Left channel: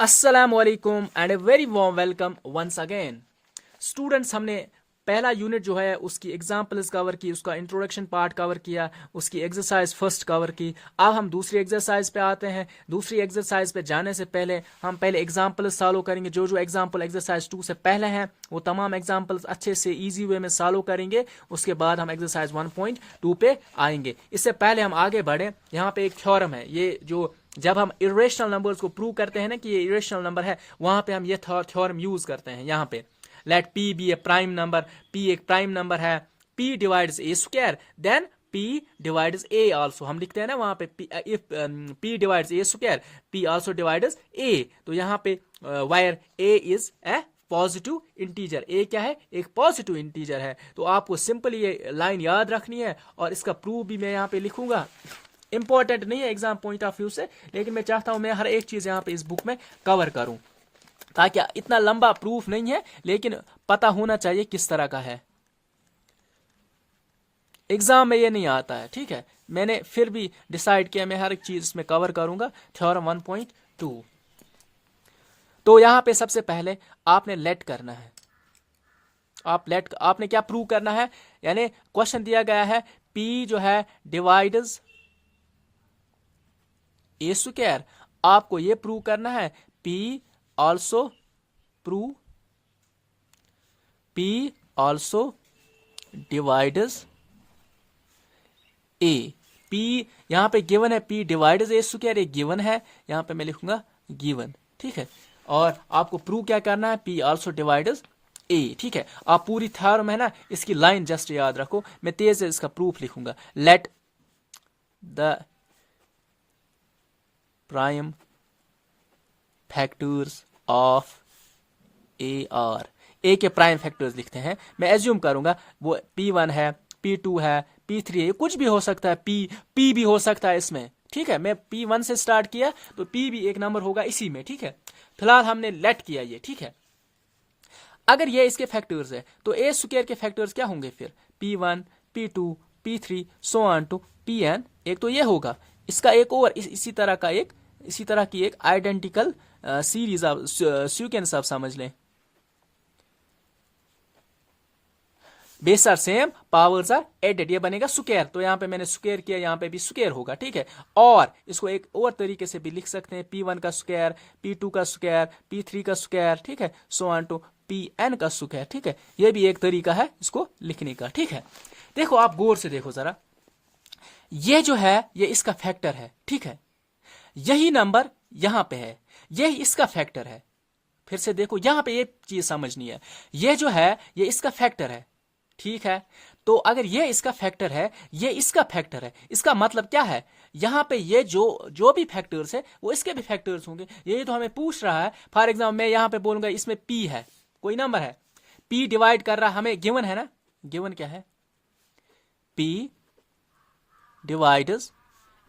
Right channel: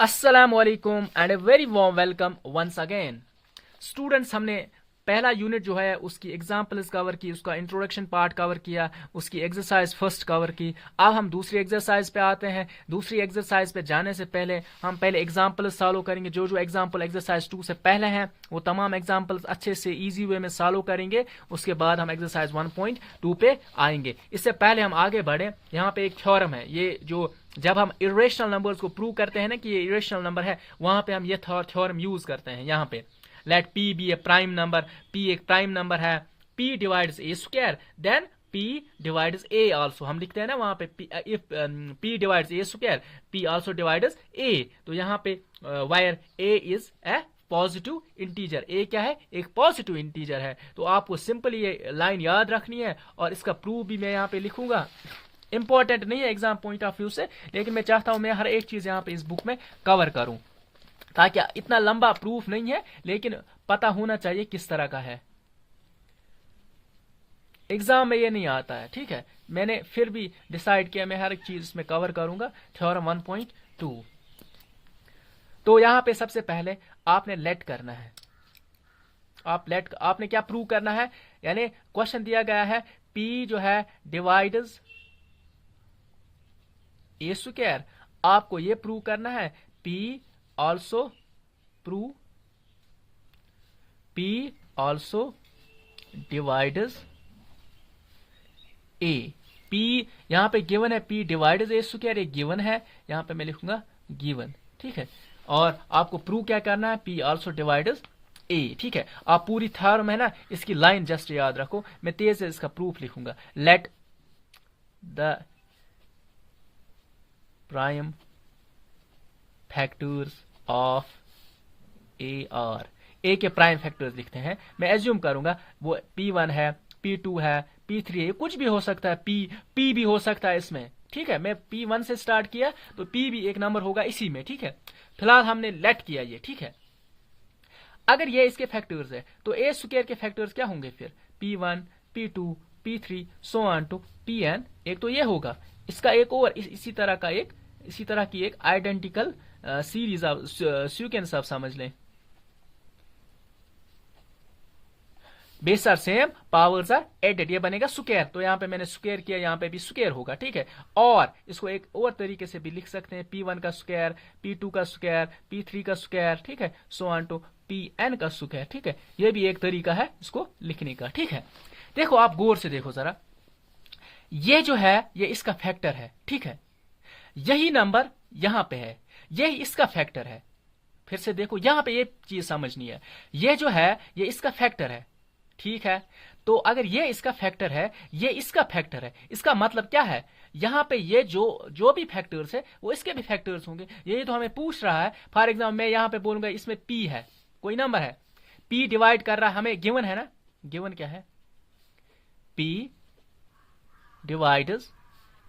अस्सलामुअलैकुम and a very warm welcome once again. Students, हमने पहला यूनिट जो है उसकी एग्जाम्पल्स कवर की, उसका इंट्रोडक्शन पार्ट कवर किया, उसकी एक्सरसाइज फर्स्ट कवर की। अब हम दूसरी एक्सरसाइज पे आते हैं। दूसरी एक्सरसाइज पे जाने से पहले हम पहले एग्जाम्पल्स सॉल्व करेंगे। जो जो एग्जाम्पल एक्सरसाइज 2 से पहले हैं वो तमाम एग्जाम्पल्स अच्छे से ईजी वे में सॉल्व करेंगे। उसके बाद हम एक्सरसाइज 1.2 पे आएंगे। इससे पहले हम आगे बढ़े, यहाँ पे एक थ्योरम है। ये जो जब हम इरेशनल नंबर्स को प्रूव करते हैं ना कि ये इरेशनल नंबर है, वहां पे हम ये थ्योरम यूज करते हैं। यहाँ पे let p be a prime number, p एक प्राइम नंबर है, p divides a square, then p divides a also. हम लिखते हैं ना वहां पे if p divides a square, p also divides a. तो यहाँ पे where a is a positive integer, a क्या है, एक पॉजिटिव इंटीजर है। तो आपको सिंपल ये लाइन याद रखनी है और इसका प्रूफ भी मैं यहाँ पे लिखूंगा। इंपॉर्टेंट नहीं है एग्जाम पॉइंट ऑफ व्यू से, लेकिन मैं चाहता हूं मैं हर एक चीज यहाँ पे इस बुक में कवर करूं, ताकि इतना लंबा प्रूफ नहीं है लेकिन पता होना चाहिए किस तरह का है। एग्जाम में ये नहीं आता है, ठीक है। मैंने फिर भी डिसाइड किया मैं हर एक चीज इसमें कवर करूंगा। थ्योरम 1.2। तो यहां पे सबसे पहले आपने लेट करना है। आपने क्या प्रूव करना है, यानी क्वेश्चन दिया गया है पी जो है डिवाइड्स ए स्क्वायर। आपको ये प्रूव करना है p also prove p also divides a. P यहां पे गिवन है, पी डिवाइड्स ए स्क्वायर, ये गिवन है, यहां पे मैं लिखूंगा गिवन, ठीक है। और आपको प्रूव क्या करना है, पी ऑल्सो डिवाइड्स ए, ठीक है। आप पूरी थ्योरम है ना, इसकी लाइन जस्ट याद रखो। मैं तेज से इसका प्रूफ लिखूंगा। Let the prime factors of a are. A के प्राइम फैक्टर्स लिखते हैं। मैं एज्यूम करूंगा वो P1 है, P2 है, P3 है, कुछ भी हो सकता है, P भी हो सकता है इसमें, ठीक है। मैं P1 से स्टार्ट किया तो P भी एक नंबर होगा इसी में, ठीक है। फिलहाल हमने लेट किया ये, ठीक है। अगर ये इसके फैक्टर्स है तो ए स्क्वायर के फैक्टर्स क्या होंगे फिर, P1 P2 P3 so on to Pn। एक तो ये होगा, इसका एक और इसी तरह की एक आइडेंटिकल सीरीज आप सीक्वेंस आप समझ लें। Base are same, powers are added, ये बनेगा स्क्वायर। तो यहाँ पे मैंने स्क्वायर किया, यहाँ पे भी स्क्वायर होगा, ठीक है। और इसको एक और तरीके से भी लिख सकते हैं, P1 का स्क्वायर, P2 का स्क्वायर, P3 का स्क्वायर, ठीक है, सो ऑन टू Pn का स्क्वायर, ठीक है। ये भी एक तरीका है इसको लिखने का, ठीक है। देखो आप गौर से देखो जरा, ये जो है ये इसका फैक्टर है, ठीक है। यही नंबर यहां पे है, यही इसका फैक्टर है। फिर से देखो यहां पे ये चीज समझनी है, ये जो है ये इसका फैक्टर है, ठीक है। तो अगर ये इसका फैक्टर है, ये इसका फैक्टर है, इसका मतलब क्या है, यहां पे ये जो भी फैक्टर्स है वो इसके भी फैक्टर्स होंगे। यही तो हमें पूछ रहा है। फॉर एग्जाम्पल मैं यहां पे बोलूंगा इसमें P है, कोई नंबर है, P डिवाइड कर रहा है, हमें गिवन है ना, गिवन क्या है, P डिवाइड्स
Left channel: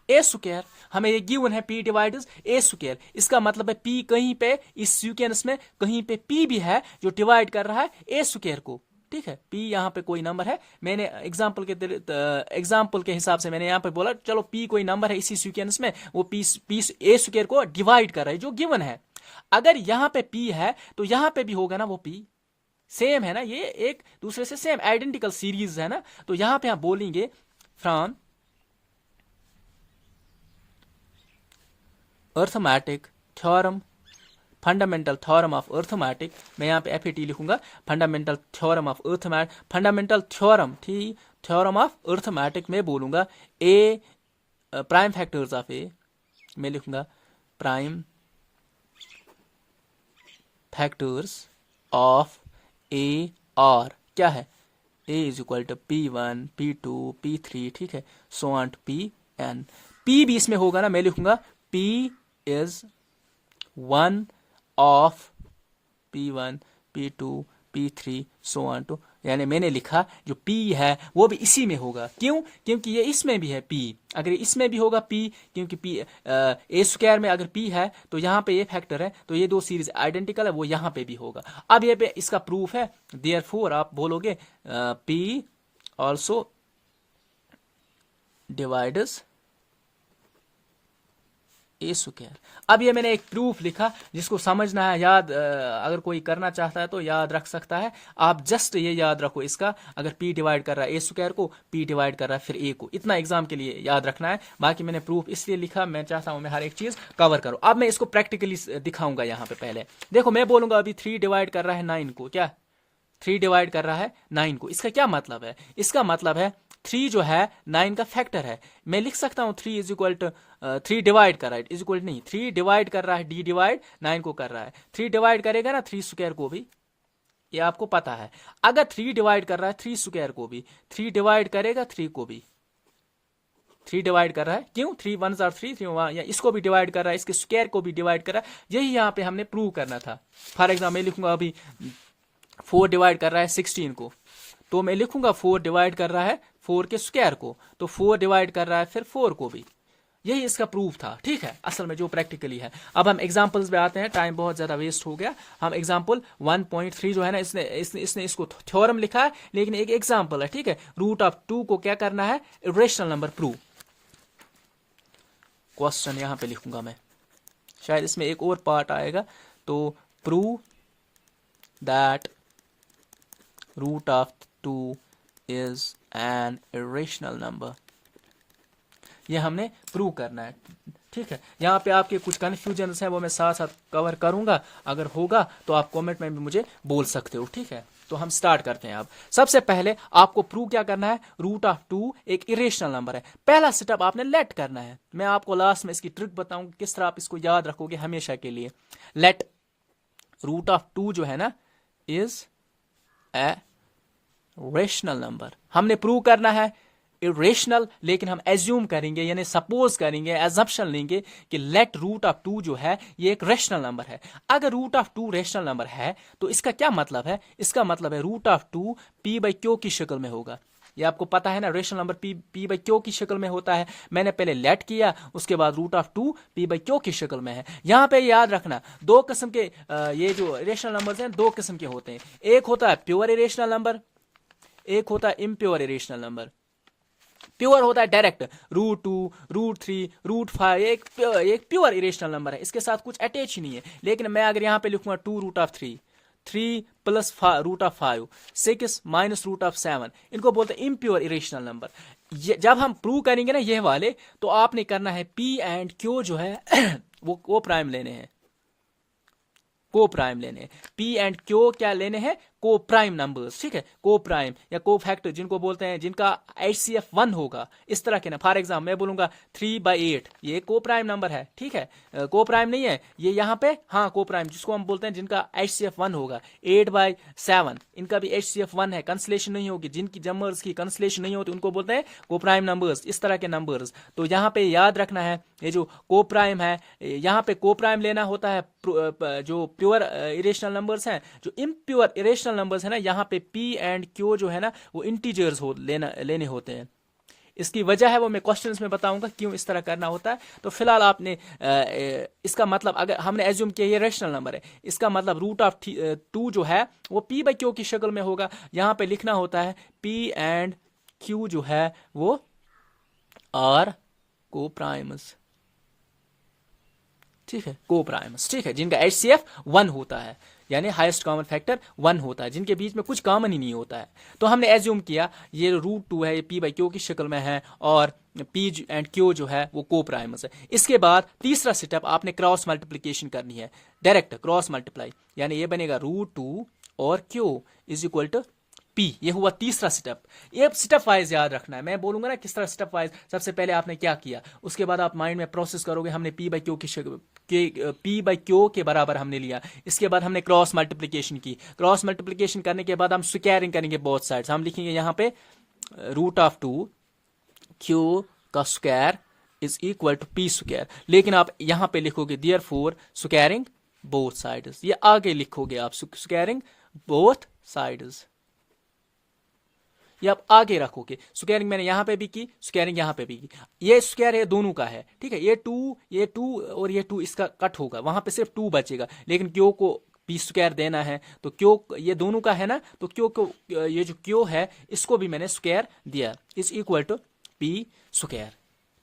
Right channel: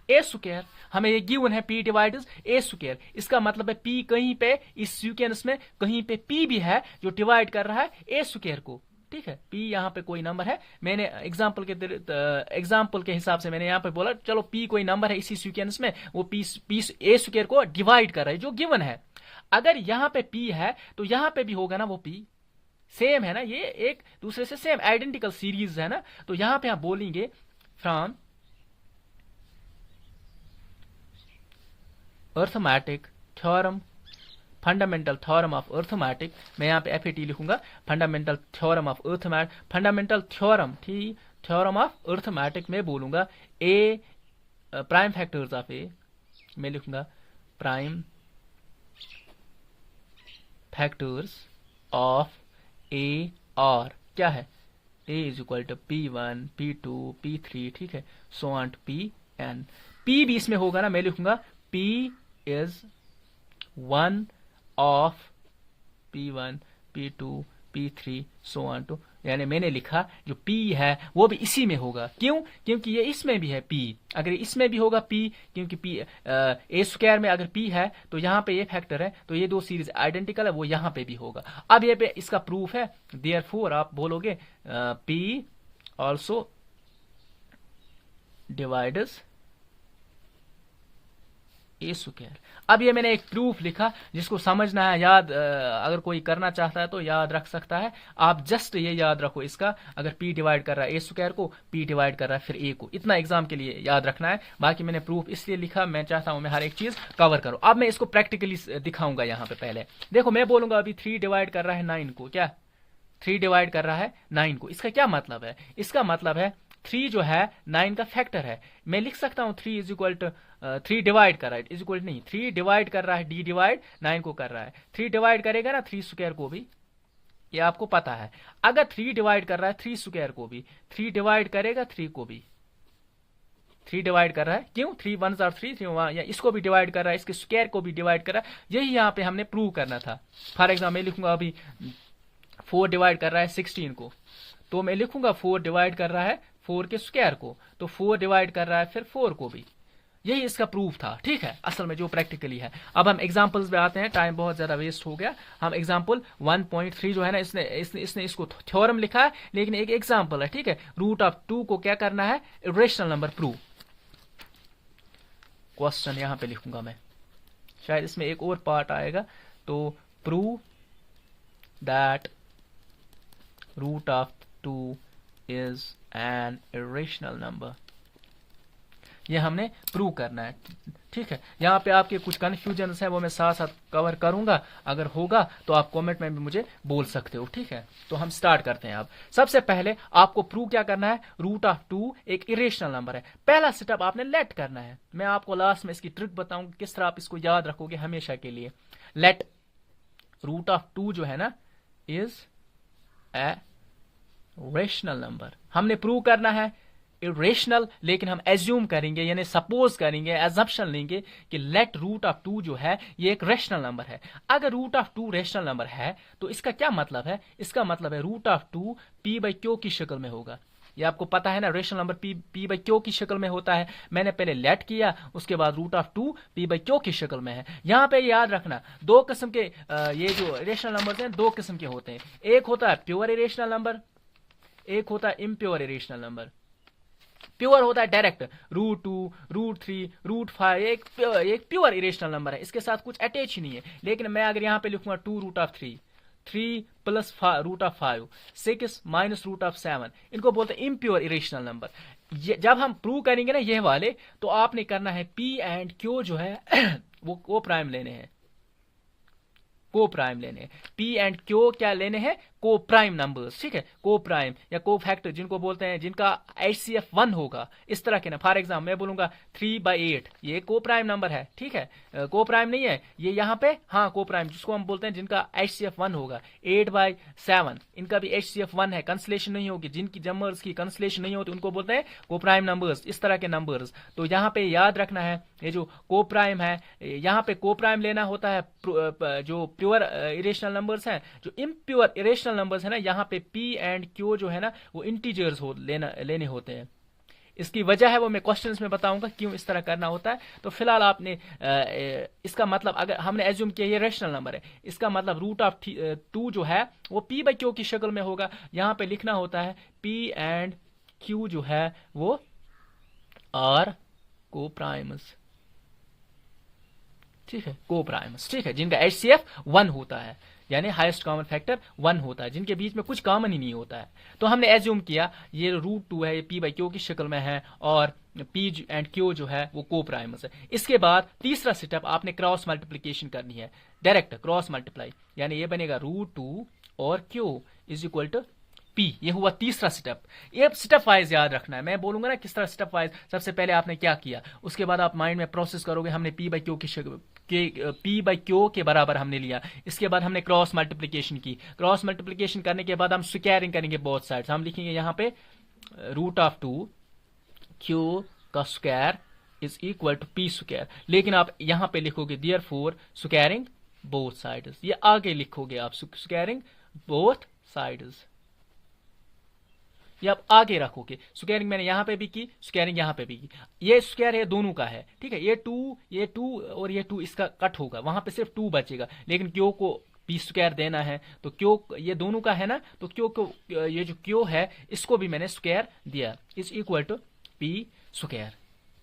ए स्क्वायर। हमें ये गिवन है P डिवाइड्स ए स्क्वायर। इसका मतलब है P कहीं पे इस सीक्वेंस में कहीं पे P भी है जो डिवाइड कर रहा है ए स्क्वायर को, ठीक है। P यहाँ पे कोई नंबर है, मैंने एग्जाम्पल के हिसाब से मैंने यहाँ पे बोला चलो P कोई नंबर है इसी सीक्वेंस में, वो P ए स्क्वायर को डिवाइड कर रहा है जो गिवन है। अगर यहाँ पे P है तो यहाँ पे भी होगा ना वो P, सेम है ना, ये एक दूसरे से सेम आइडेंटिकल सीरीज है ना। तो यहाँ पे आप बोलेंगे from arithmetic theorem, fundamental theorem of arithmetic, मैं यहाँ पे FAT लिखूंगा, fundamental theorem of arithmetic, fundamental theorem, ठीक, थ्योरम ऑफ अर्थमेटिक में बोलूंगा ए प्राइम फैक्टर्स ऑफ ए, मैं लिखूंगा prime factors of a are क्या है, ए is equal to P1 P2 P3, ठीक है, so on to Pn। P भी इसमें होगा ना, मैं लिखूंगा P is one of P1 P2 P3 so on to, यानी मैंने लिखा जो P है वो भी इसी में होगा। क्यों, क्योंकि ये इसमें भी है P, अगर इसमें भी होगा P, क्योंकि P ए स्क्वायर में अगर P है तो यहाँ पे ये फैक्टर है, तो ये दो सीरीज आइडेंटिकल है, वो यहाँ पे भी होगा। अब ये पे इसका प्रूफ है, देयरफॉर आप बोलोगे P also divides a square. अब ये मैंने एक प्रूफ लिखा जिसको समझना है, याद अगर कोई करना चाहता है तो याद रख सकता है। आप जस्ट ये याद रखो इसका, अगर पी डिवाइड कर रहा है ए स्क्वायर को, पी डिवाइड कर रहा है फिर ए को, इतना एग्जाम के लिए याद रखना है। बाकी मैंने प्रूफ इसलिए लिखा, मैं चाहता हूं मैं हर एक चीज कवर करूं। अब मैं इसको प्रैक्टिकली दिखाऊंगा। यहाँ पे पहले देखो, मैं बोलूंगा अभी 3 डिवाइड कर रहा है 9 को, क्या 3 डिवाइड कर रहा है 9 को, इसका क्या मतलब है? इसका मतलब है 3 जो है 9 का फैक्टर है। मैं लिख सकता हूं 3 इज इक्वल टू 3 डिवाइड कर रहा है, इज इक्वल नहीं, 3 डिवाइड कर रहा है, डी डिवाइड 9 को कर रहा है। 3 डिवाइड करेगा ना 3 स्क्वायर को भी, ये आपको पता है। अगर 3 डिवाइड कर रहा है 3 स्क्वायर को भी, 3 डिवाइड करेगा 3 को भी, 3 डिवाइड कर रहा है, क्यों? 3 1 आर 3, 3 1, या इसको भी डिवाइड कर रहा है, इसके स्क्वायर को भी डिवाइड कर रहा है। यही यहाँ पे हमने प्रूव करना था। फॉर एग्जाम्पल मैं लिखूंगा अभी 4 डिवाइड कर रहा है 16 को, तो मैं लिखूंगा 4 डिवाइड कर रहा है 4 के स्क्वायर को, तो 4 डिवाइड कर रहा है फिर 4 को भी। यही इसका प्रूफ था, ठीक है, असल में जो प्रैक्टिकली है। अब हम एग्जांपल्स पे आते हैं, टाइम बहुत ज्यादा वेस्ट हो गया। हम एग्जांपल 1.3 जो है ना, इसने इसको थ्योरम लिखा है, लेकिन एक एग्जांपल है, ठीक है। रूट ऑफ 2 को क्या करना है? Irrational number prove. क्वेश्चन यहां पे लिखूंगा मैं, शायद इसमें एक और पार्ट आएगा, तो prove that root of 2 is an irrational number. ये हमने प्रूव करना है, ठीक है। यहाँ पे आपके कुछ कंफ्यूजन हैं वो मैं साथ साथ कवर करूंगा, अगर होगा तो आप कमेंट में भी मुझे बोल सकते हो, ठीक है। तो हम स्टार्ट करते हैं। अब सबसे पहले आपको प्रूव क्या करना है? रूट ऑफ 2 एक इरेशनल नंबर है। पहला स्टेप आपने लेट करना है। मैं आपको लास्ट में इसकी ट्रिक बताऊंगा किस तरह आप इसको याद रखोगे हमेशा के लिए। लेट रूट ऑफ 2 जो है ना इज ए रेशनल नंबर। हमने प्रूव करना है इरेशनल, लेकिन हम एज्यूम करेंगे, यानी सपोज करेंगे, एजम्पशन लेंगे कि लेट रूट ऑफ 2 जो है ये एक रेशनल नंबर है। अगर रूट ऑफ 2 रेशनल नंबर है तो इसका क्या मतलब है? इसका मतलब है root of 2 P by Q की शक्ल में होगा। ये आपको पता है ना, rational number P by Q की शक्ल में होता है। मैंने पहले लेट किया, उसके बाद root of 2 P by Q की शक्ल में है। यहां पे याद रखना, दो किस्म के ये जो रेशनल नंबर्स हैं दो किस्म के होते हैं। एक होता है प्योर इरेशनल नंबर, एक होता है इम्प्योर इरेशनल नंबर। प्योर होता है डायरेक्ट, रूट 2, रूट 3, रूट 5, एक प्योर इरेशनल नंबर है, इसके साथ कुछ अटैच ही नहीं है। लेकिन मैं अगर यहां पे लिखूंगा 2 root of 3, 3 plus root of 5, 6 minus root of 7, इनको बोलते हैं इम्प्योर इरेशनल नंबर। जब हम प्रूव करेंगे ना ये वाले, तो आपने करना है पी एंड क्यू जो है वो को प्राइम लेने हैं, को प्राइम लेने हैं। पी एंड क्यू क्या लेने हैं? को प्राइम नंबर्स, ठीक है। को प्राइम या को फैक्टर जिनको बोलते हैं, जिनका HCF 1 होगा, इस तरह के ना। फॉर एग्जाम्पल मैं बोलूंगा 3/8, ये को प्राइम नंबर है, ठीक है। को प्राइम नहीं है ये यहाँ पे, हाँ को प्राइम, जिसको हम बोलते हैं जिनका HCF 1 होगा। 8/7 इनका भी HCF 1 है, कंसलेशन नहीं होगी। जिनकी जमर्स की कंसलेशन नहीं होती उनको बोलते हैं को प्राइम नंबर्स, इस तरह के नंबर्स। तो यहाँ पे याद रखना है, ये जो को प्राइम है, यहाँ पे को प्राइम लेना होता है जो प्योर इरेशनल नंबर्स हैं। जो इम्प्योर इरेशनल नंबर्स है ना, यहाँ पे पी एंड क्यू जो है ना वो इंटीजर्स लेने होते हैं। इसकी वजह है वो मैं क्वेश्चंस में बताऊंगा क्यों इस तरह करना होता है। तो फिलहाल आपने इसका मतलब, अगर हमने एज्यूम किया ये रेशनल नंबर है, इसका मतलब रूट ऑफ 2 जो है वो पी बाई क्यू की शक्ल में होगा। यहाँ पे लिखना होता है पी एंड क्यू जो है वो आर को प्राइम्स, ठीक है, को प्राइम्स, ठीक है, जिनका HCF 1 होता है, यानी हाईएस्ट कॉमन फैक्टर 1 होता है, जिनके बीच में कुछ कॉमन ही नहीं होता है। तो हमने एज्यूम किया ये रूट 2 है, ये पी बाई क्यू की शक्ल में है, और पी एंड क्यू जो है वो को प्राइमस है। इसके बाद तीसरा स्टेप आपने क्रॉस मल्टीप्लीकेशन करनी है, डायरेक्ट क्रॉस मल्टीप्लाई, यानी ये बनेगा रूट 2 और Q is equal to P. ये हुआ तीसरा स्टेप। ये स्टेप वाइज याद रखना है, मैं बोलूंगा ना किस तरह स्टेप वाइज। सबसे पहले आपने क्या किया, उसके बाद आप माइंड में प्रोसेस करोगे। हमने P by Q P by Q के बराबर हमने लिया। इसके बाद हमने क्रॉस मल्टीप्लीकेशन की। क्रॉस मल्टीप्लीकेशन करने के बाद हम स्क्वायरिंग करेंगे बोथ साइड्स। हम लिखेंगे यहाँ पे रूट ऑफ 2 क्यू का square is equal to P square. लेकिन आप यहाँ पे लिखोगे देयरफॉर स्क्वायरिंग बोथ साइड्स, ये आगे लिखोगे आप स्क्वायरिंग बोथ साइड्स, ये आप आगे रखोगे। स्क्वायरिंग मैंने यहां पे भी की, स्क्वायरिंग यहां पे भी की। ये स्क्वायर है दोनों का है, ठीक है। ये 2 और ये 2 इसका कट होगा, वहां पे सिर्फ 2 बचेगा। लेकिन क्यू को पी स्क्वायर देना है, तो क्यू ये दोनों का है ना, तो क्यू को ये जो क्यू है इसको भी मैंने स्क्वायर दिया, is equal to P square.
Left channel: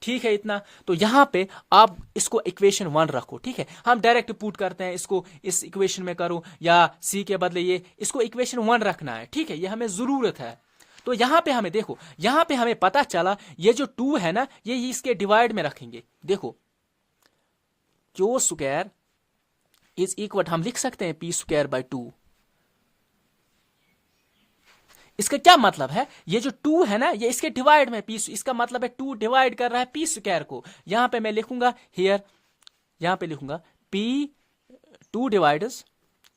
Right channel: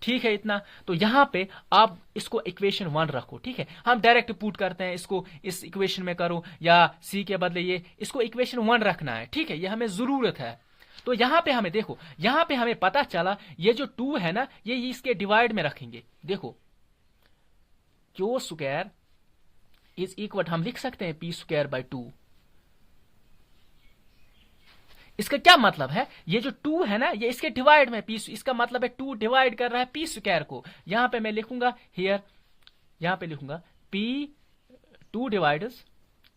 ठीक है इतना। तो यहां पे आप इसको इक्वेशन 1 रखो, ठीक है। हम डायरेक्ट पुट करते हैं इसको, इस इक्वेशन में करो या सी के बदले ये इसको इक्वेशन 1 रखना है, ठीक है, ये हमें जरूरत है। तो यहां पे हमें देखो, यहां पे हमें पता चला ये जो 2 है ना, ये इसके डिवाइड में रखेंगे। देखो क्यू स्क्वायर इज इक्वल, हम लिख सकते हैं पी स्क्वायर बाय 2। इसका क्या मतलब है, ये जो 2 है ना, ये इसके डिवाइड में पी, इसका मतलब है 2 डिवाइड कर रहा है पी स्क्वायर को। यहां पे मैं लिखूंगा हियर, यहां पे लिखूंगा P 2 divides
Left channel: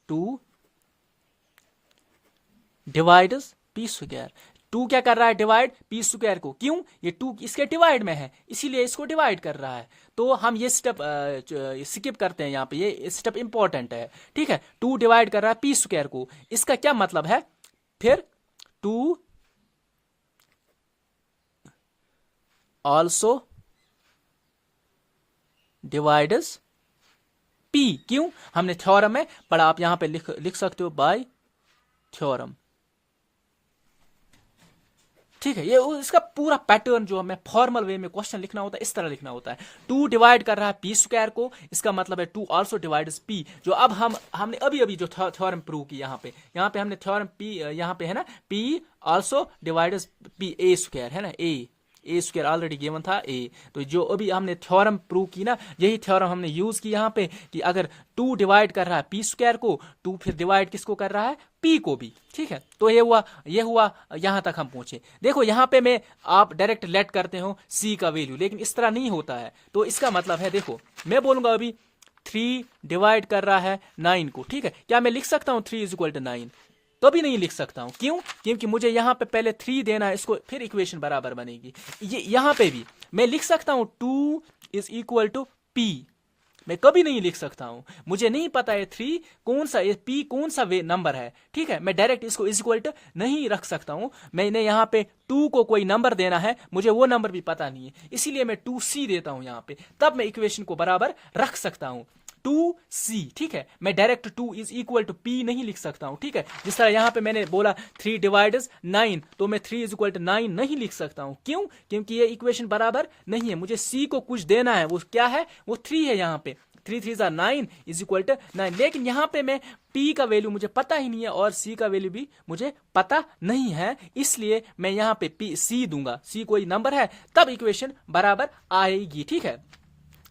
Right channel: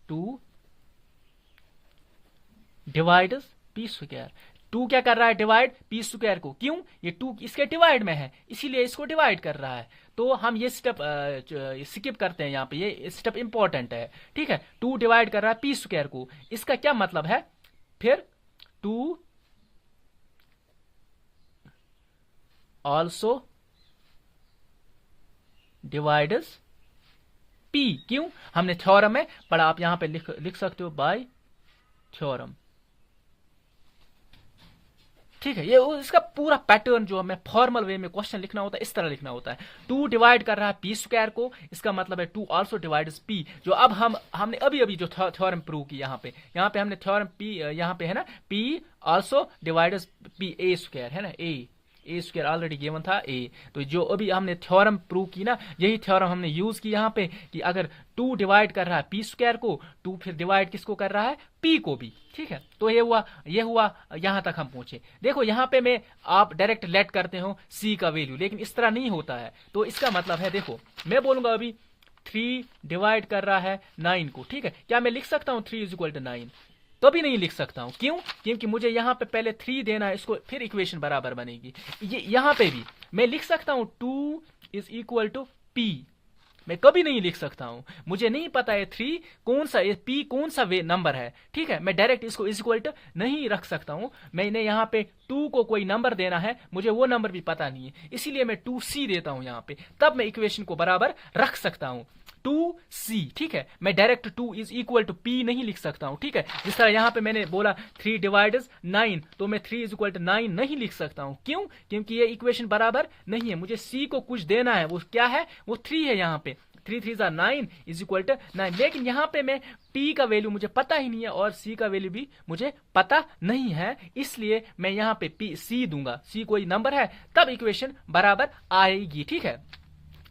2 divides P square. 2 क्या कर रहा है, डिवाइड पी स्क्वायर को। क्यों, ये 2 इसके डिवाइड में है, इसीलिए इसको डिवाइड कर रहा है। तो हम ये स्टेप स्किप करते हैं, यहां पे ये स्टेप इंपॉर्टेंट है, ठीक है। 2 डिवाइड कर रहा है पी स्क्वायर को, इसका क्या मतलब है, फिर 2 also divides P। क्यों, हमने थ्योरम में पढ़ा, आप यहां पे लिख सकते हो बाय थ्योरम, ठीक है। ये इसका पूरा पैटर्न जो हमें फॉर्मल वे में क्वेश्चन लिखना होता है, इस तरह लिखना होता है। 2 डिवाइड कर रहा है पी स्क्वायर को, इसका मतलब है 2 आल्सो डिवाइड्स पी। जो अब हमने अभी जो थ्योरम प्रूव की, यहाँ पे हमने थ्योरम पी, यहाँ पे है ना, P also divides P A square, है ना, ए स्क्वायर ऑलरेडी गिवन था ए। तो जो अभी हमने थ्योरम प्रूव की ना, यही थ्योरम हमने यूज की यहाँ पे, कि अगर 2 डिवाइड कर रहा है पी स्क्वायर को, 2 फिर डिवाइड किसको कर रहा है, पी को भी, ठीक है। तो ये हुआ यहां तक हम पहुंचे। देखो यहां पे मैं, आप डायरेक्ट लेट करते हो सी का वैल्यू, लेकिन इस तरह नहीं होता है। तो इसका मतलब है, देखो मैं बोलूंगा अभी 3 डिवाइड कर रहा है 9 को, ठीक है। क्या मैं लिख सकता हूं 3 इज इक्वल टू 9? तो भी नहीं लिख सकता हूं। क्यों, क्योंकि मुझे यहां पे पहले 3 देना है इसको, फिर इक्वेशन बराबर बनेगी। ये यहां पे भी मैं लिख सकता हूं 2 इज इक्वल टू पी, मैं कभी नहीं लिख सकता हूं। मुझे नहीं पता है 3 कौन सा, ये पी कौन सा वे नंबर है, ठीक है। मैं डायरेक्ट इसको इज इक्वल टू नहीं रख सकता हूं। मैंने यहां पे 2 को कोई नंबर देना है, मुझे वो नंबर भी पता नहीं है, इसीलिए मैं 2c देता हूं यहां पे, तब मैं इक्वेशन को बराबर रख सकता हूं 2c, ठीक है। मैं direct 2 is equal to P नहीं लिख सकता हूं, ठीक है। जिस तरह यहां पे मैंने बोला 3 डिवाइड्स 9, तो मैं 3 इज इक्वल टू 9 नहीं लिख सकता हूं। क्यों, क्योंकि ये इक्वेशन बराबर नहीं है। मुझे c को कुछ देना है, वो क्या है, वो 3 है। यहां पे 3 3 9 इज इक्वल टू 9, लेकिन यहां पे मैं p का वैल्यू मुझे पता ही नहीं है और c का वैल्यू भी मुझे पता नहीं है, इसलिए मैं यहां पे c दूंगा। c कोई नंबर है, तब इक्वेशन बराबर आएगी, ठीक है।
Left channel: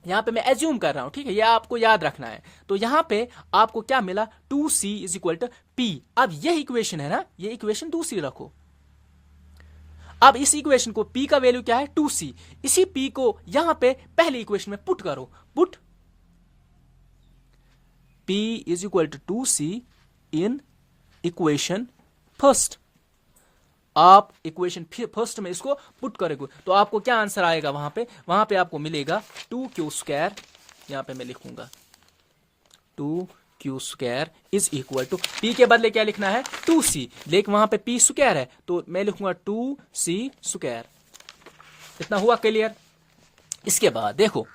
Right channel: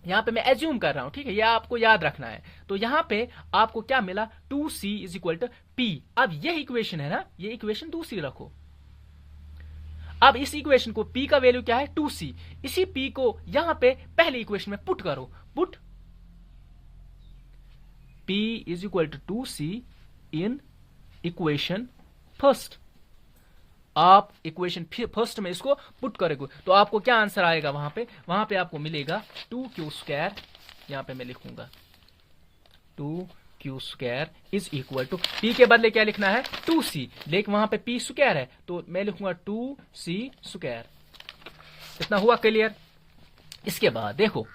यहां पे मैं एज्यूम कर रहा हूं, ठीक है, ये आपको याद रखना है। तो यहां पे आपको क्या मिला, 2c is equal to P. अब ये इक्वेशन है ना, ये इक्वेशन दूसरी रखो। अब इस इक्वेशन को p का वैल्यू क्या है, 2c, इसी p को यहां पे पहली इक्वेशन में पुट करो। Put p is equal to 2c in equation first. आप इक्वेशन फर्स्ट में इसको पुट करोगे तो आपको क्या आंसर आएगा, वहां पे आपको मिलेगा 2q स्क्वायर, यहां पे मैं लिखूंगा 2q square is equal to, p के बदले क्या लिखना है, 2c, लेकिन वहां पे p स्क्वायर है तो मैं लिखूंगा 2c स्क्वायर। इतना हुआ क्लियर। इसके बाद देखो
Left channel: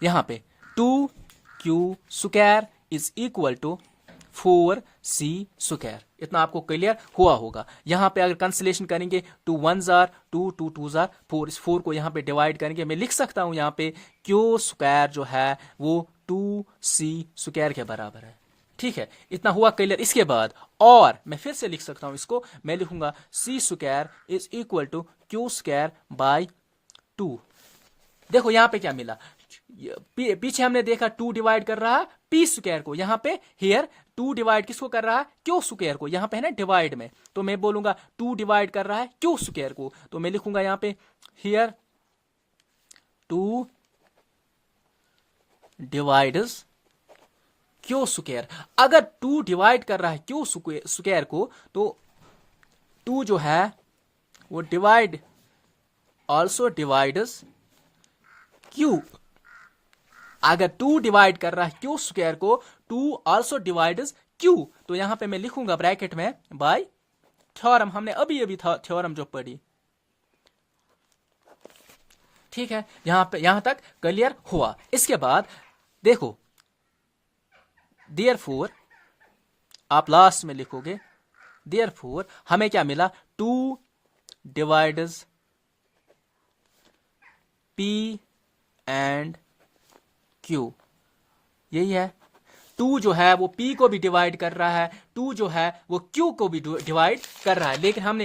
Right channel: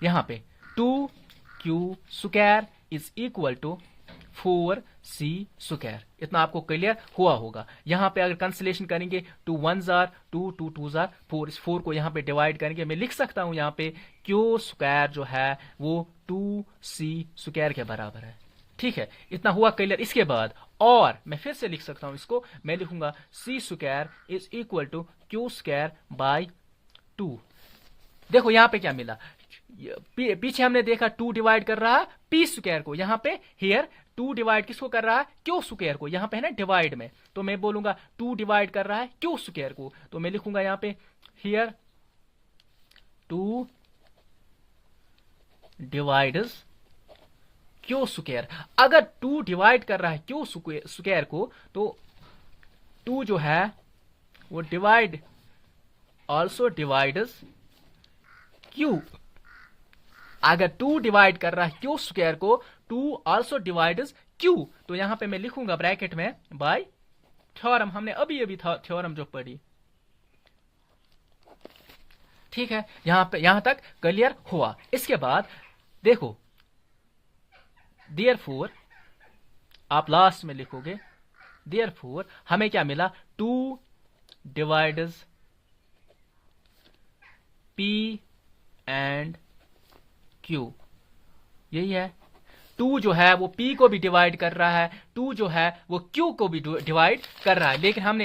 यहां पे 2q square is equal to 4c square. इतना आपको क्लियर हुआ होगा। यहां पे अगर कंसलेशन करेंगे 2 1s आर 2 2 2s आर 4, इस 4 को यहां पे डिवाइड करेंगे, मैं लिख सकता हूं यहां पे q स्क्वायर जो है वो 2c स्क्वायर के बराबर है, ठीक है। इतना हुआ क्लियर। इसके बाद और मैं फिर से लिख सकता हूं इसको, मैं लिखूंगा c square is equal to q square by 2। देखो यहां पे क्या मिला, पीछे हमने देखा 2 डिवाइड कर रहा है पी स्क्वायर को, यहां पे हियर 2 डिवाइड किसको कर रहा है, क्यू स्क्वायर को, यहां पे है ना डिवाइड में, तो मैं बोलूंगा 2 डिवाइड कर रहा है क्यू स्क्वायर को, तो मैं लिखूंगा यहां पे हियर 2 डिवाइड्स क्यू स्क्वायर। अगर 2 डिवाइड कर रहा है क्यू स्क्वायर को, तो 2 जो है वो डिवाइड ऑल्सो डिवाइड्स क्यू। अगर 2 डिवाइड कर रहा है क्यू स्क्वायर को, 2 आल्सो डिवाइड्स क्यू, तो यहां पे मैं लिखूंगा ब्रैकेट में बाय थ्योरम। हमने अभी थ्योरम जो पढ़ी, ठीक है। यहां तक क्लियर हुआ। इसके बाद देखो देयरफॉर आप लास्ट में लिखोगे, देयरफॉर हमें क्या मिला, 2 डिवाइड्स P एंड Q, यही है। 2 जो है वो P को भी डिवाइड कर रहा है, 2 जो है वो Q को भी डिवाइड कर रहा है। लेकिन हमने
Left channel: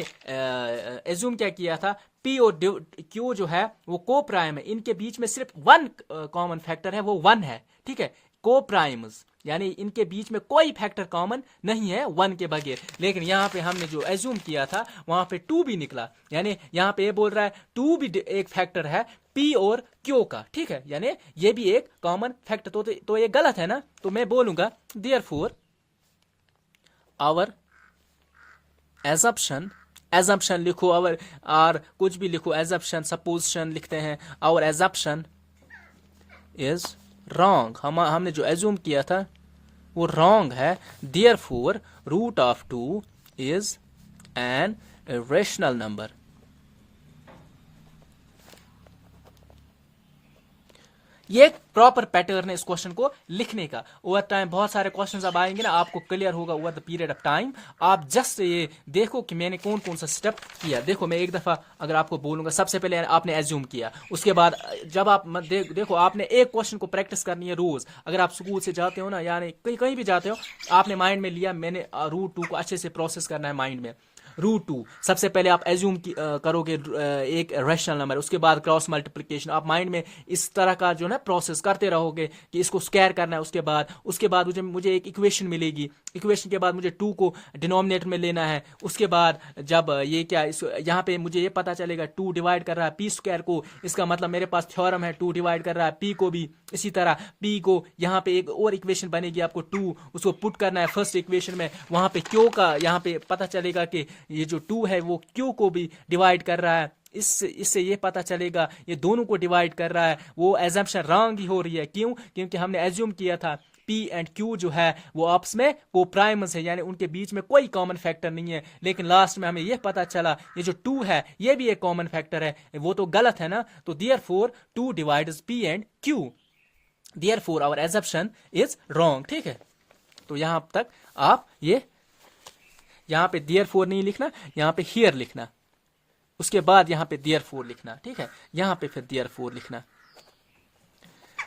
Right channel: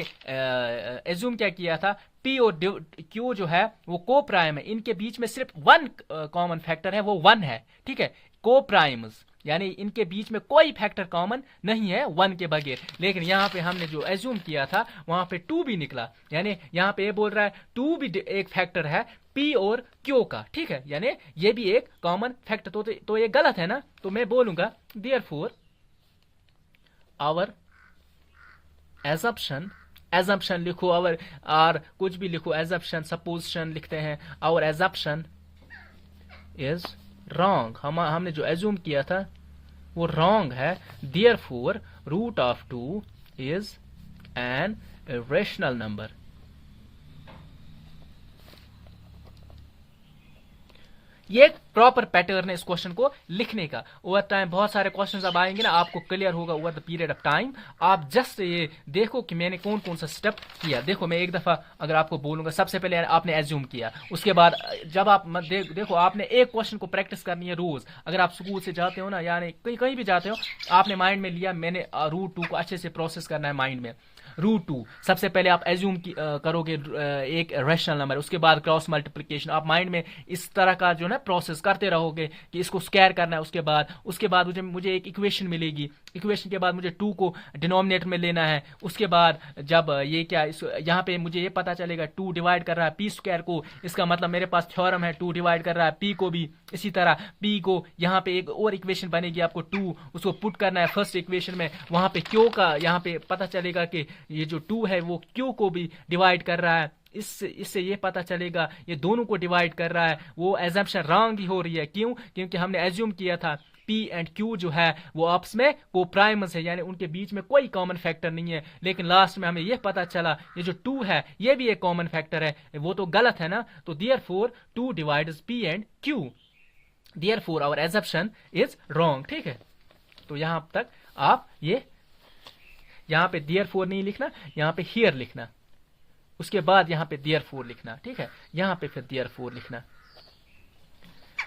एज्यूम क्या किया था, P और Q जो है वो को प्राइम है, इनके बीच में सिर्फ 1 कॉमन फैक्टर है, वो 1 है, ठीक है, को प्राइम्स, यानी इनके बीच में कोई फैक्टर कॉमन नहीं है 1 के बगैर। लेकिन यहाँ पे हमने जो एज्यूम किया था वहां पे 2 भी निकला, यानी यहाँ पे ये बोल रहा है 2 भी एक फैक्टर है P और Q का, ठीक है, यानी ये भी एक कॉमन फैक्टर। तो ये गलत है ना, तो मैं बोलूंगा देयरफॉर आवर एजम्पशन लिखो, और कुछ भी लिखो, एजम्पशन सपोजिशन लिखते हैं, आवर एजम्पशन इज रॉन्ग, हमने जो एज्यूम किया था वो रॉन्ग है। Therefore root of 2 is an irrational number. ये एक प्रॉपर पैटर्न है इस क्वेश्चन को लिखने का। ओवर टाइम बहुत सारे क्वेश्चंस अब आएंगे ना, आपको क्लियर होगा over the period of time. आप जस्ट ये देखो कि मैंने कौन कौन सा स्टेप किया। देखो मैं एक दफा अगर आपको बोलूंगा, सबसे पहले आपने एज्यूम किया, उसके बाद जब आप देखो आपने एक क्वेश्चन को प्रैक्टिस करनी है रोज। अगर आप स्कूल से जाते हो ना, यानी कहीं भी जाते हो, आपने माइंड में लिया मैंने रूट 2 को अच्छे से प्रोसेस करना है माइंड में। रूट 2 सबसे पहले आप एज्यूम करोगे एक रैशनल नंबर, उसके बाद क्रॉस मल्टीप्लिकेशन, आप माइंड में इस तरह का जो ना प्रोसेस करते रहोगे कि इसको स्क्वायर करना है। उसके बाद मुझे एक इक्वेशन मिलेगी, इक्वेशन के बाद मुझे 2 को डिनोमिनेटर में लेना है। उसके बाद जब ये क्या यहाँ पे मुझे ये पता चलेगा 2 डिवाइड कर रहा है पी स्क्वायर को, इसका मतलब मेरे पास थ्योरम है 2 डिवाइड कर रहा है पी को भी। इसी तरह पी को यहाँ पे एक और इक्वेशन बनेगी, आपको 2 उसको पुट करना है फर्स्ट इक्वेशन में, वहां पे क्यू का यहाँ पे पता चलेगा कि ये जो 2 है वो क्यू को भी डिवाइड कर रहा है। इससे ये पता चलेगा ये दोनों को डिवाइड कर रहा है। वो एजम्पशन रॉन्ग ही हो रही है, क्यों? क्योंकि हमने एज्यूम किया था P एंड Q जो है वो आपस में को प्राइमस है, यानी उनके बीच में कोई कॉमन फैक्टर नहीं है। लेकिन लास्ट में हमें यह पता चला ये जो 2 है ये भी एक कॉमन फैक्टर है, वो तो गलत है ना। तो therefore 2 divides P and Q, therefore our assumption is wrong, ठीक है। तो यहां तक आप ये यहां पे देयरफॉर नहीं लिखना, यहां पे हियर लिखना, उसके बाद यहां पे देयरफॉर लिखना, ठीक है, यहां पे फिर देयरफॉर लिखना।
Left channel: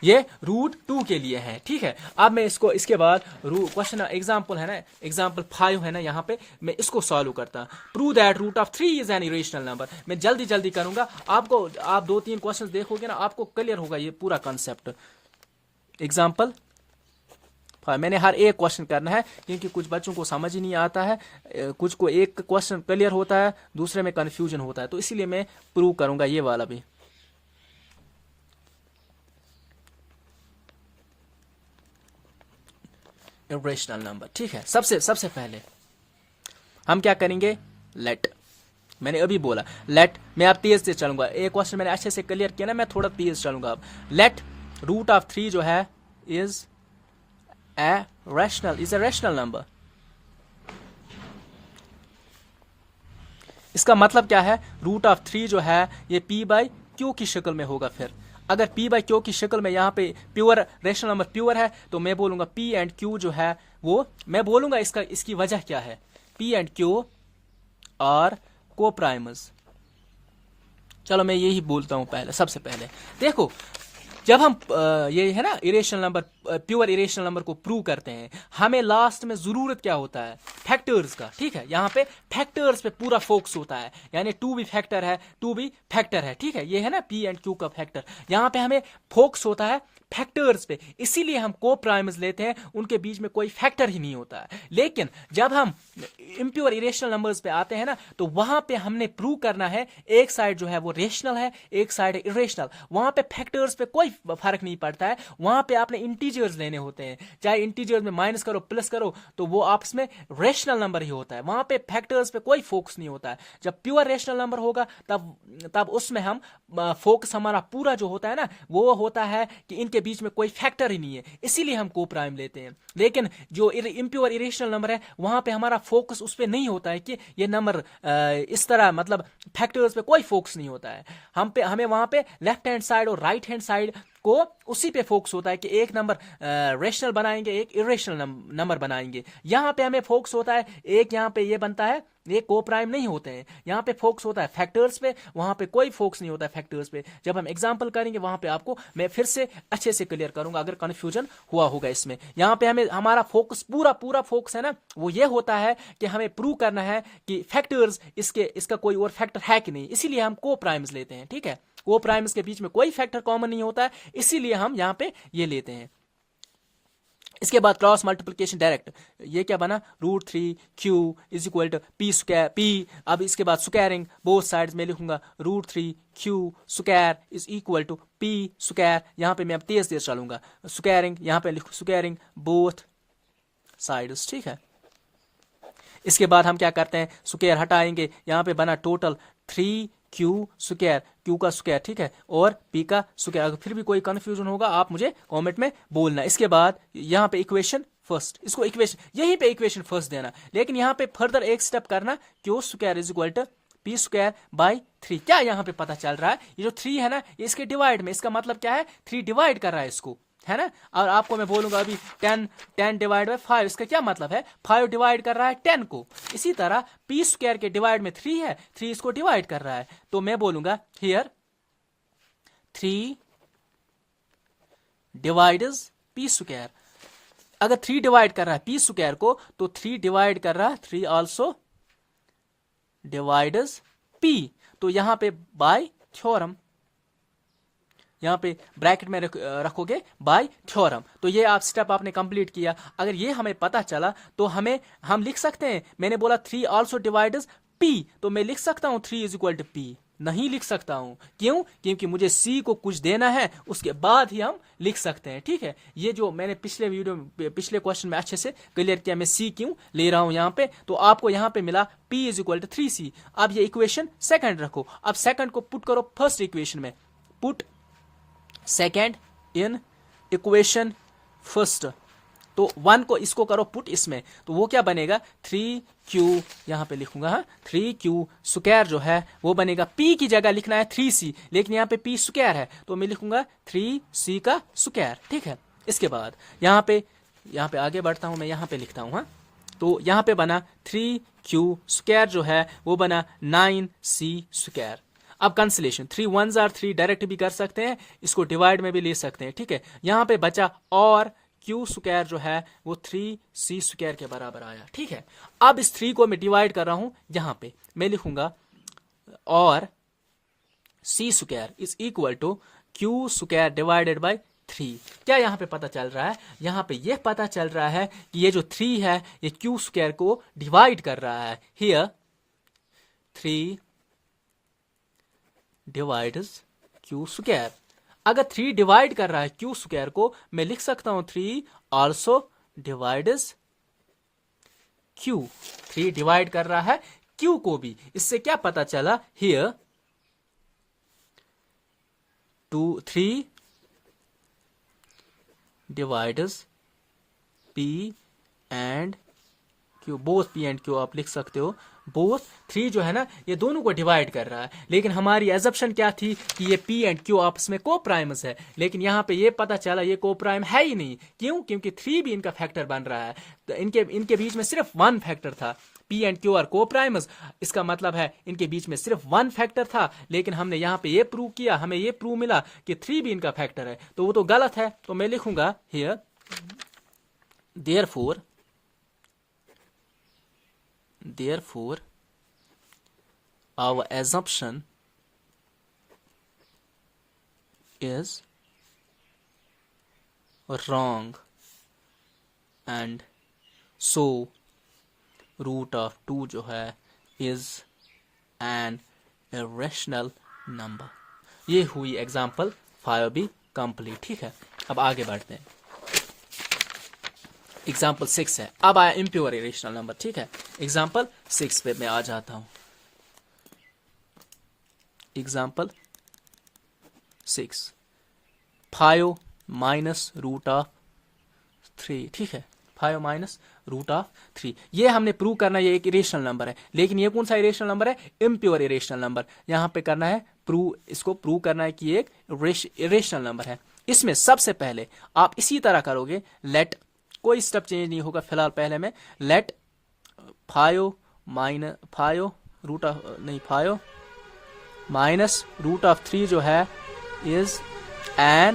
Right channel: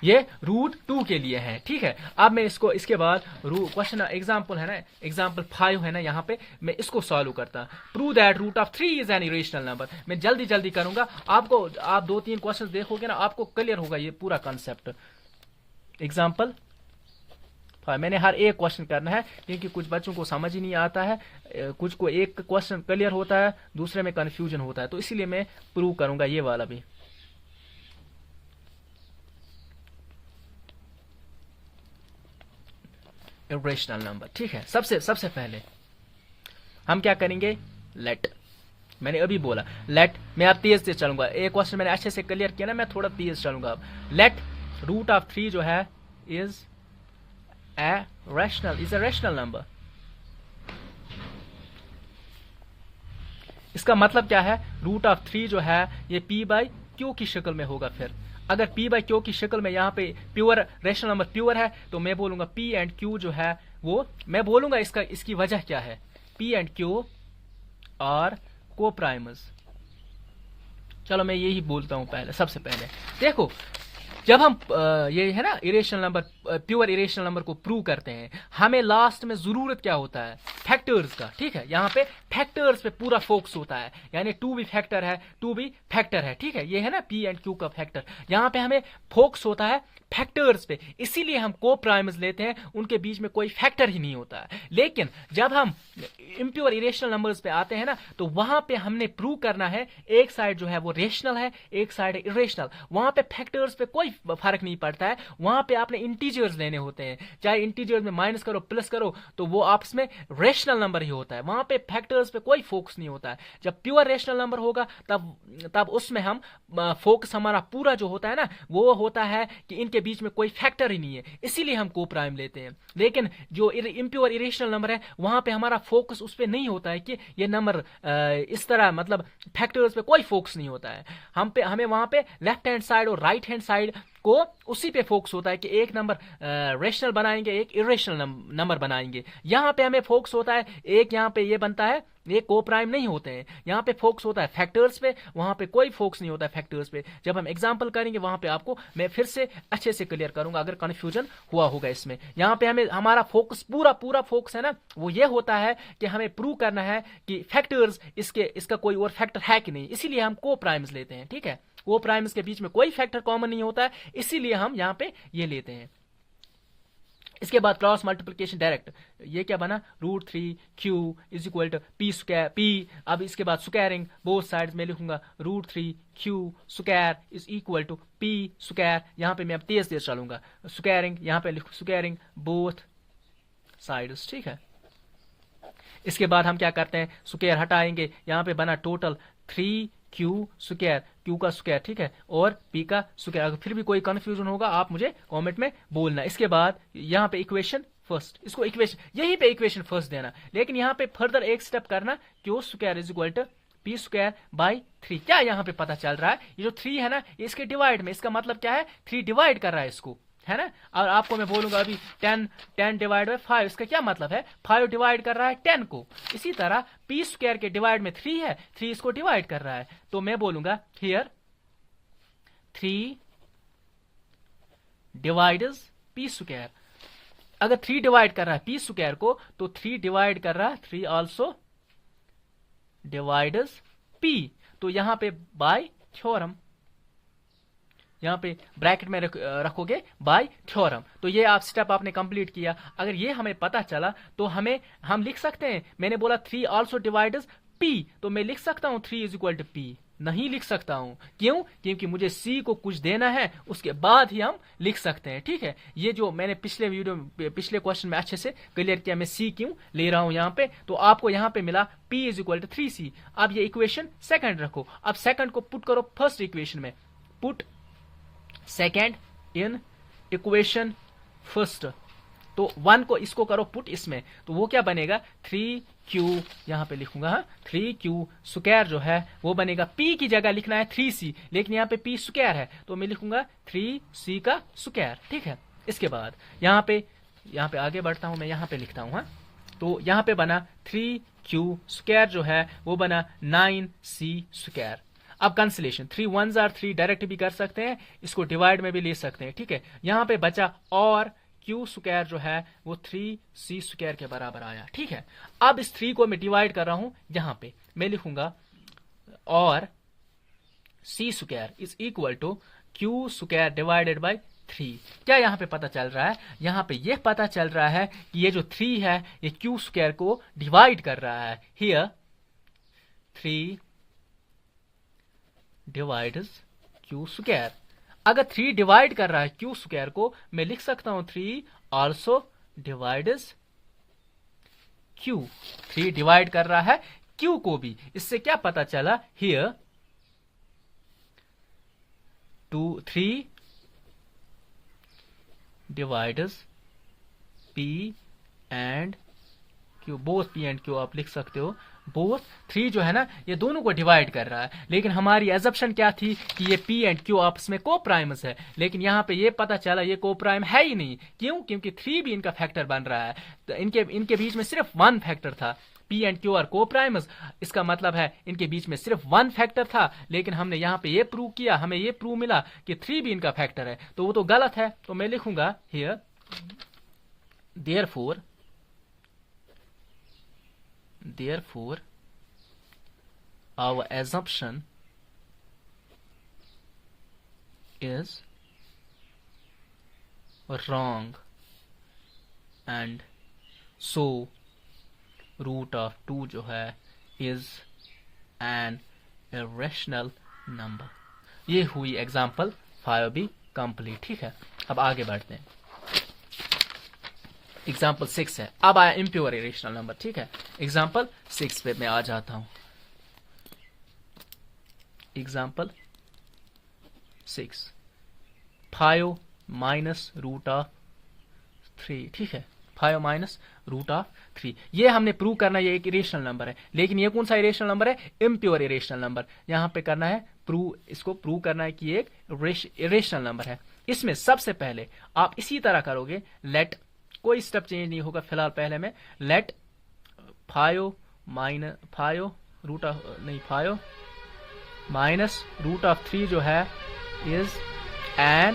ये रूट 2 के लिए है, ठीक है। अब मैं इसके बाद क्वेश्चन एग्जांपल है ना, एग्जांपल 5 है ना, यहाँ पे मैं इसको सॉल्व करता। Prove that root of 3 is an irrational number. मैं जल्दी करूंगा, आप 2-3 क्वेश्चन देखोगे ना, आपको क्लियर होगा ये पूरा कॉन्सेप्ट। एग्जांपल मैंने हर एक क्वेश्चन करना है, क्योंकि कुछ बच्चों को समझ ही नहीं आता है, कुछ को एक क्वेश्चन क्लियर होता है, दूसरे में कंफ्यूजन होता है, तो इसीलिए मैं प्रूव करूंगा ये वाला भी। इरेशनल नंबर, ठीक है। सबसे पहले हम क्या करेंगे, लेट, मैंने अभी बोला लेट, मैं अब तेज से चलूंगा, एक क्वेश्चन मैंने अच्छे से क्लियर किया ना, मैं थोड़ा तेज चलूंगा अब। लेट रूट ऑफ 3 जो है इज ए रैशनल नंबर। इसका मतलब क्या है, रूट ऑफ 3 जो है ये P बाई Q की शक्ल में होगा। फिर अगर P बाई Q की शक्ल में यहाँ पे प्योर रैशनल नंबर प्योर है, तो मैं बोलूंगा P एंड Q जो है वो, मैं बोलूंगा इसकी वजह क्या है, P एंड Q और को प्राइमस। चलो मैं यही बोलता हूं पहले। सबसे पहले देखो, जब हम ये है ना irrational number, pure irrational number को प्रूव करते हैं, हमें लास्ट में जरूरत क्या होता है, फैक्टर्स का, ठीक है। यहाँ पे फैक्टर्स पे पूरा फोकस होता है, यानी 2 भी फैक्टर है, 2 भी फैक्टर है, ठीक है। ये है ना P एंड Q का फैक्टर, यहाँ पे हमें फोकस होता है फैक्टर्स पे, इसीलिए हम को प्राइमस लेते हैं, उनके बीच में कोई फैक्टर ही नहीं होता है। लेकिन जब हम इम्प्योर इरेशनल नंबर्स पे आते हैं ना, तो वहां पे हमने प्रूव करना है एक साइड जो है वो रेशनल है, एक साइड है इरेशनल। वहां पे फैक्टर्स पे कोई फर्क नहीं पड़ता है, वहां पे आपने इंटीजर्स लेने होते हैं, चाहे इंटीजर्स में माइनस करो प्लस करो, तो वो आपस में रेशनल नंबर ही होता है, वहां पे फैक्टर्स पे कोई फोकस नहीं होता है। जब प्योर रेशनल नंबर होगा तब उसमें हम फोकस हमारा पूरा जो होता है ना, वो होता है कि इनके बीच में कोई फैक्टर ही नहीं है, इसीलिए हम को प्राइम लेते हैं। लेकिन जो इम्प्योर इरेशनल नंबर है, वहां पे हमारा फोकस उस पे नहीं होता है कि ये नंबर इस तरह, मतलब फैक्टर्स पे कोई फोकस नहीं होता है। हमें वहां पे लेफ्ट हैंड साइड और राइट हैंड साइड को उसी पे फोकस होता है कि एक नंबर रेशनल बनाएंगे, एक इरेशनल नंबर बनाएंगे। यहाँ पे हमें फोकस होता है, एक यहाँ पे ये बनता है, ये को प्राइम नहीं होते हैं। यहाँ पे फोकस होता है फैक्टर्स पे, वहां पे कोई फोकस नहीं होता है फैक्टर्स पे। जब हम एग्जांपल करेंगे वहां पे आपको मैं फिर से अच्छे से क्लियर करूंगा अगर कंफ्यूजन हुआ होगा इसमें। यहाँ पे हमें हमारा फोकस पूरा फोकस है ना, वो ये होता है कि हमें प्रूव करना है कि फैक्टर्स इसका कोई और फैक्टर है कि नहीं, इसीलिए हम को प्राइम्स लेते हैं। ठीक है, को प्राइम्स के बीच में कोई फैक्टर कॉमन नहीं होता है, इसीलिए हम यहाँ पे ये लेते हैं। इसके बाद क्रॉस मल्टीप्लिकेशन डायरेक्ट, ये क्या बना, √3q is equal to P square P. अब इसके बाद स्क्वायरिंग बोथ साइड्स में लिखूंगा √3q square is equal to P square. यहाँ पे मैं अब तेज चलूंगा, स्क्वायरिंग यहाँ पे लिखूं स्क्वायरिंग बोथ साइड्स। ठीक है, इसके बाद हम क्या करते हैं, स्क्वायर हटाएंगे, यहाँ पे बना टोटल 3q स्क्वायर, q का स्क्वायर, ठीक है, और p का स्क्वायर। अगर फिर भी कोई कंफ्यूजन होगा आप मुझे कमेंट में बोलना। इसके बाद यहाँ पे इक्वेशन फर्स्ट, इसको इक्वेशन यहीं पे इक्वेशन फर्स्ट देना, लेकिन यहाँ पे फर्दर एक स्टेप करना, q square is equal to p square by 3। क्या यहाँ पे पता चल रहा है, ये जो 3 है ना, इसके डिवाइड में, इसका मतलब क्या है, 3 डिवाइड कर रहा है इसको, है ना। और आपको मैं बोलूंगा अभी 10 डिवाइड बाय 5, इसका क्या मतलब है, 5 डिवाइड कर रहा है 10 को। इसी तरह p स्क्वायर के डिवाइड में 3 है, 3 इसको डिवाइड कर रहा है, तो मैं बोलूंगा हियर 3 डिवाइड्स p स्क्वायर। अगर 3 डिवाइड कर रहा है p स्क्वायर को, तो 3 डिवाइड कर रहा है 3 आल्सो डिवाइड्स p। तो यहां पे बाय थ्योरम, यहाँ पे ब्रैकेट में रखोगे बाय थ्योरम। तो ये आप स्टेप आपने कंप्लीट किया। अगर ये हमें पता चला तो हम लिख सकते हैं, मैंने बोला 3 आल्सो डिवाइड्स p, तो मैं लिख सकता हूँ 3 इज इक्वल टू p, नहीं लिख सकता हूँ। क्यों, क्योंकि मुझे c को कुछ देना है, उसके बाद ही हम लिख सकते हैं। ठीक है, ये जो मैंने पिछले क्वेश्चन में अच्छे से क्लियर किया, मैं c क्यों ले रहा हूँ यहाँ पे, तो आपको यहाँ पे मिला p is equal to 3c। अब ये इक्वेशन सेकंड रखो, अब सेकंड को पुट करो फर्स्ट इक्वेशन में, put second in equation first, तो 1 को इसको करो पुट इसमें, तो वो क्या बनेगा, 3q, यहाँ पे लिखूंगा 3q स्क्वायर जो है वो बनेगा, p की जगह लिखना है 3c, लेकिन यहाँ पे p स्क्वायर है तो मैं लिखूंगा 3c का स्क्वायर। ठीक है, इसके बाद यहाँ पे आगे बढ़ता हूं, मैं यहाँ पे लिखता हूँ, तो यहाँ पे बना 3q स्क्वायर जो है वो बना 9c स्क्वायर। अब कैंसिलेशन, 3 1s are 3 डायरेक्ट भी कर सकते हैं, इसको डिवाइड में भी ले सकते हैं। ठीक है, यहाँ पे बचा और q स्क्वायर जो है वो 3c स्क्वायर के बराबर आया। ठीक है, अब इस 3 को मैं डिवाइड कर रहा हूं, यहाँ पे मैं लिखूंगा और c square is equal to q square divided by 3। क्या यहाँ पे पता चल रहा है, यहाँ पे ये पता चल रहा है कि ये जो 3 है ये q स्क्वायर को डिवाइड कर रहा है। Here 3 divides q square. अगर 3 डिवाइड कर रहा है q स्क्वायर को, मैं लिख सकता हूं 3 आल्सो डिवाइड्स q। 3 डिवाइड कर रहा है q को भी। इससे क्या पता चला, here 3 divides p and q, both p and q आप लिख सकते हो, बोथ 3 जो है ना ये दोनों को डिवाइड कर रहा है। लेकिन हमारी एजप्शन क्या थी कि ये p एंड q आपस में को प्राइमस है, लेकिन यहाँ पे ये पता चला ये को प्राइम है ही नहीं। क्यों, क्योंकि 3 भी इनका फैक्टर बन रहा है, तो इनके बीच में सिर्फ 1 फैक्टर था, p एंड q आर को प्राइमस। इसका मतलब है इनके बीच में सिर्फ 1 फैक्टर था, लेकिन हमने यहाँ पे ये प्रूव किया, हमें ये प्रूव मिला कि 3 भी इनका फैक्टर है, तो वो तो गलत है। तो मैं लिखूंगा here therefore our assumption is wrong and so root of 2 जो है is an irrational number। ये हुई एग्जाम्पल 5 भी कंप्लीट। ठीक है, अब आगे बढ़ते हैं। एग्जाम्पल 6 है, अब आया इम्प्योर इरेशनल नंबर। ठीक है, एग्जाम्पल 6 पे मैं आ जाता हूं। Example 6 5 minus root of 3। ठीक है, 5 माइनस रूट ऑफ 3, ये हमने प्रूव करना है, ये एक इरेशनल नंबर है। लेकिन ये कौन सा इरेशनल नंबर है, इम्प्योर इरेशनल नंबर। यहां पे करना है प्रूव, इसको प्रूव करना है कि एक इरेशनल नंबर है। इसमें सबसे पहले आप इसी तरह करोगे, लेट, कोई स्टेप चेंज नहीं होगा फिलहाल, पहले में लेट 5 माइनस 5 रूट ऑफ नहीं 5 माइनस रूट ऑफ 3 जो है इज अ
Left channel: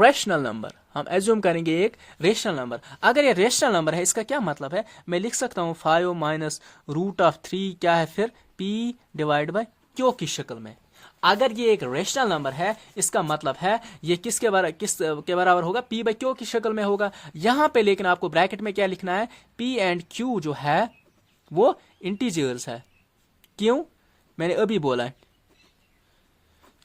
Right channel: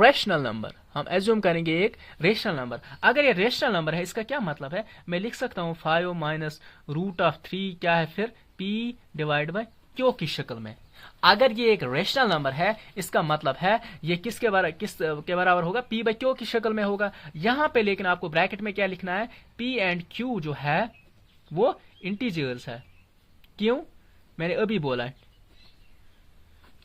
रेशनल नंबर। हम एज्यूम करेंगे एक रेशनल नंबर। अगर ये रेशनल नंबर है, इसका क्या मतलब है, मैं लिख सकता हूं 5 माइनस रूट ऑफ 3 क्या है फिर p डिवाइड बाय q की शक्ल में। अगर ये एक रेशनल नंबर है, इसका मतलब है ये किस के बराबर होगा, p बाय q की शक्ल में होगा। यहां पे लेकिन आपको ब्रैकेट में क्या लिखना है, p एंड q जो है वो इंटीजर्स है। क्यों, मैंने अभी बोला है,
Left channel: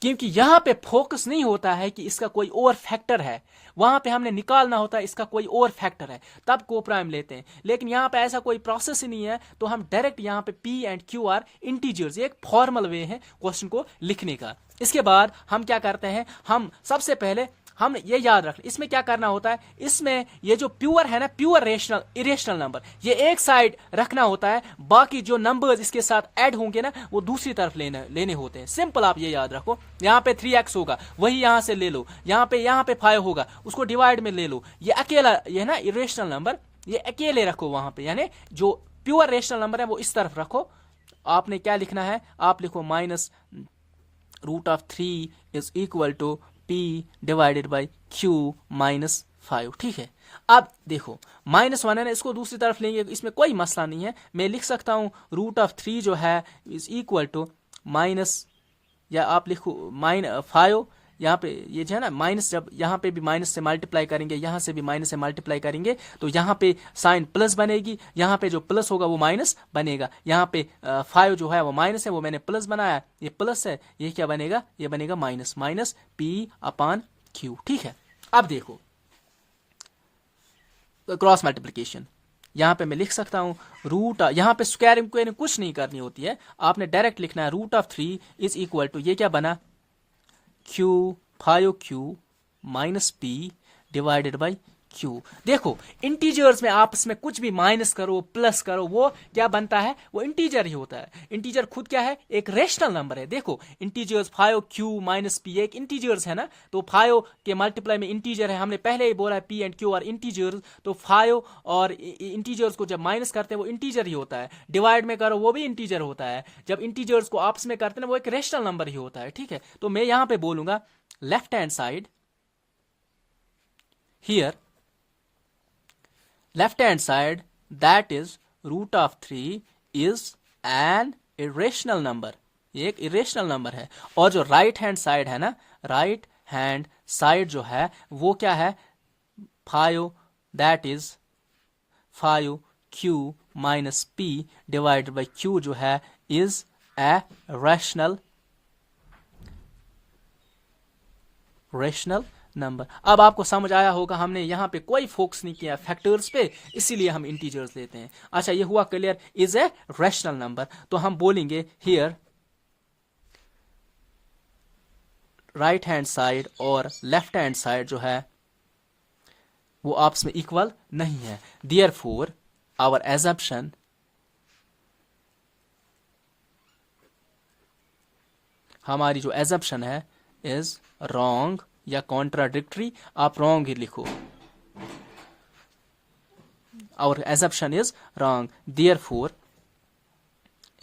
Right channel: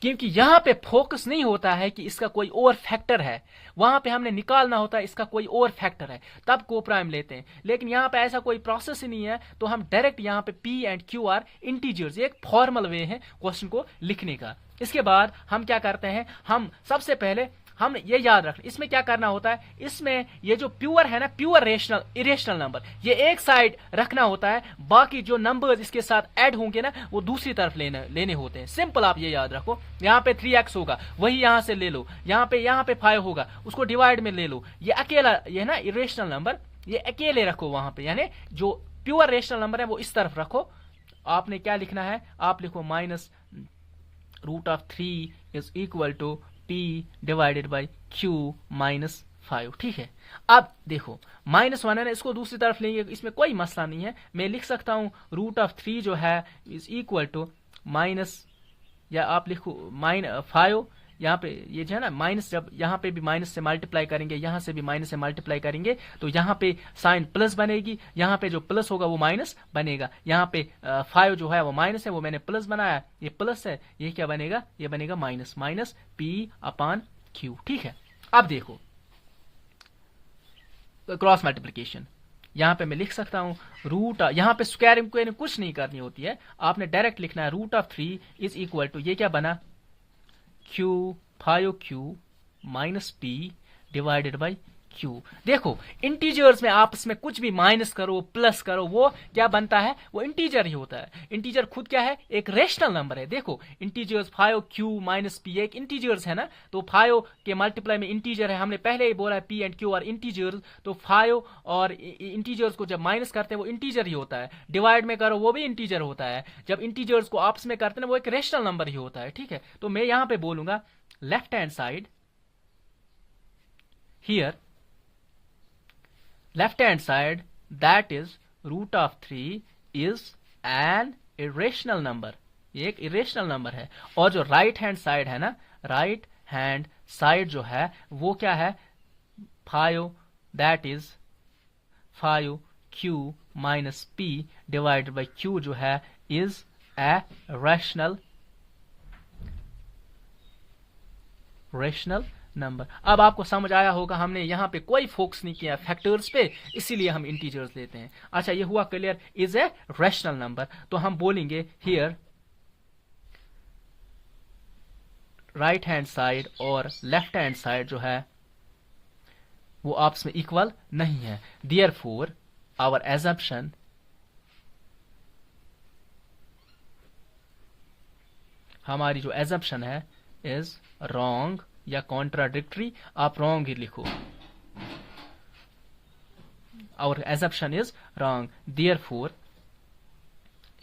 क्योंकि यहां पे फोकस नहीं होता है कि इसका कोई और फैक्टर है, वहां पे हमने निकालना होता है इसका कोई और फैक्टर है, तब को प्राइम लेते हैं। लेकिन यहां पे ऐसा कोई प्रोसेस ही नहीं है, तो हम डायरेक्ट यहां पे p and q are integers, एक फॉर्मल वे है क्वेश्चन को लिखने का। इसके बाद हम क्या करते हैं, हम सबसे पहले हम ये याद रखना, इसमें क्या करना होता है, इसमें ये जो प्योर है ना, प्योर रेशनल इरेशनल नंबर, ये एक साइड रखना होता है, बाकी जो नंबर्स इसके साथ ऐड होंगे ना वो दूसरी तरफ लेने होते हैं। सिंपल, आप ये याद रखो, यहाँ पे 3x होगा, वही यहां से ले लो, यहाँ पे 5 होगा, उसको डिवाइड में ले लो। ये अकेला, ये ना इरेशनल नंबर, ये अकेले रखो वहां पे, यानी जो प्योर रेशनल नंबर है वो इस तरफ रखो। आपने क्या लिखना है, आप लिखो minus root of 3 is equal to p divided by q minus 5। ठीक है, अब देखो -1 है ना, इसको दूसरी तरफ लेंगे, इसमें कोई मसला नहीं है। मैं लिख सकता हूं रूट ऑफ 3 जो है इज इक्वल टू माइनस, या आप लिखो -5, यहाँ पे ये जो है ना माइनस, जब यहाँ पे भी माइनस से मल्टीप्लाई करेंगे, यहाँ से भी माइनस से मल्टीप्लाई करेंगे, तो यहाँ पे साइन प्लस बनेगी, यहाँ पे जो प्लस होगा वो माइनस बनेगा। यहाँ पे 5 जो है वो माइनस है, वो मैंने प्लस बनाया, ये प्लस है, ये क्या बनेगा, ये बनेगा minus, minus p upon q। ठीक है, अब देखो क्रॉस मल्टीप्लीकेशन, यहाँ पे मैं लिख सकता हूँ रूट, यहाँ पे स्क्वायरिंग को कुछ नहीं करनी होती है, आपने डायरेक्ट लिखना है root of 3 is equal to, ये क्या बना, q 5q minus p divided by q। देखो इंटीजर्स में आपस में कुछ भी माइनस करो प्लस करो, वो क्या बनता है, वो इंटीजर ही होता है। इंटीजर खुद क्या है, एक रेशनल नंबर है। देखो इंटीजर्स 5q माइनस p एक इंटीजर्स है ना, तो 5 के मल्टीप्लाई में इंटीजर है, हमने पहले ही बोला है p and q are integers, तो 5 और इंटीजर्स को जब माइनस करते हैं वो इंटीजर ही होता है, डिवाइड में करो वो भी इंटीजर होता है, जब इंटीजर्स को आपस में करते हैं वो एक रेशनल नंबर ही होता है। ठीक है, तो मैं यहां पे बोलूंगा left hand side, here left hand side that is root of 3 is an irrational number, ये एक irrational number है। और जो right hand side है ना, right hand side जो है वो क्या है, 5 that is 5q minus p divided by q जो है is a rational नंबर। अब आपको समझ आया होगा, हमने यहां पे कोई फोकस नहीं किया फैक्टर्स पे, इसीलिए हम इंटीजर्स लेते हैं। अच्छा, ये हुआ clear, is a rational number. तो हम बोलेंगे हियर राइट हैंड साइड और लेफ्ट हैंड साइड जो है वो आपस में इक्वल नहीं है, देयरफॉर आवर एजम्पशन हमारी जो एजम्पशन है इज रॉन्ग या कॉन्ट्राडिक्टरी, आप रॉन्ग ही लिखो, our assumption is wrong, therefore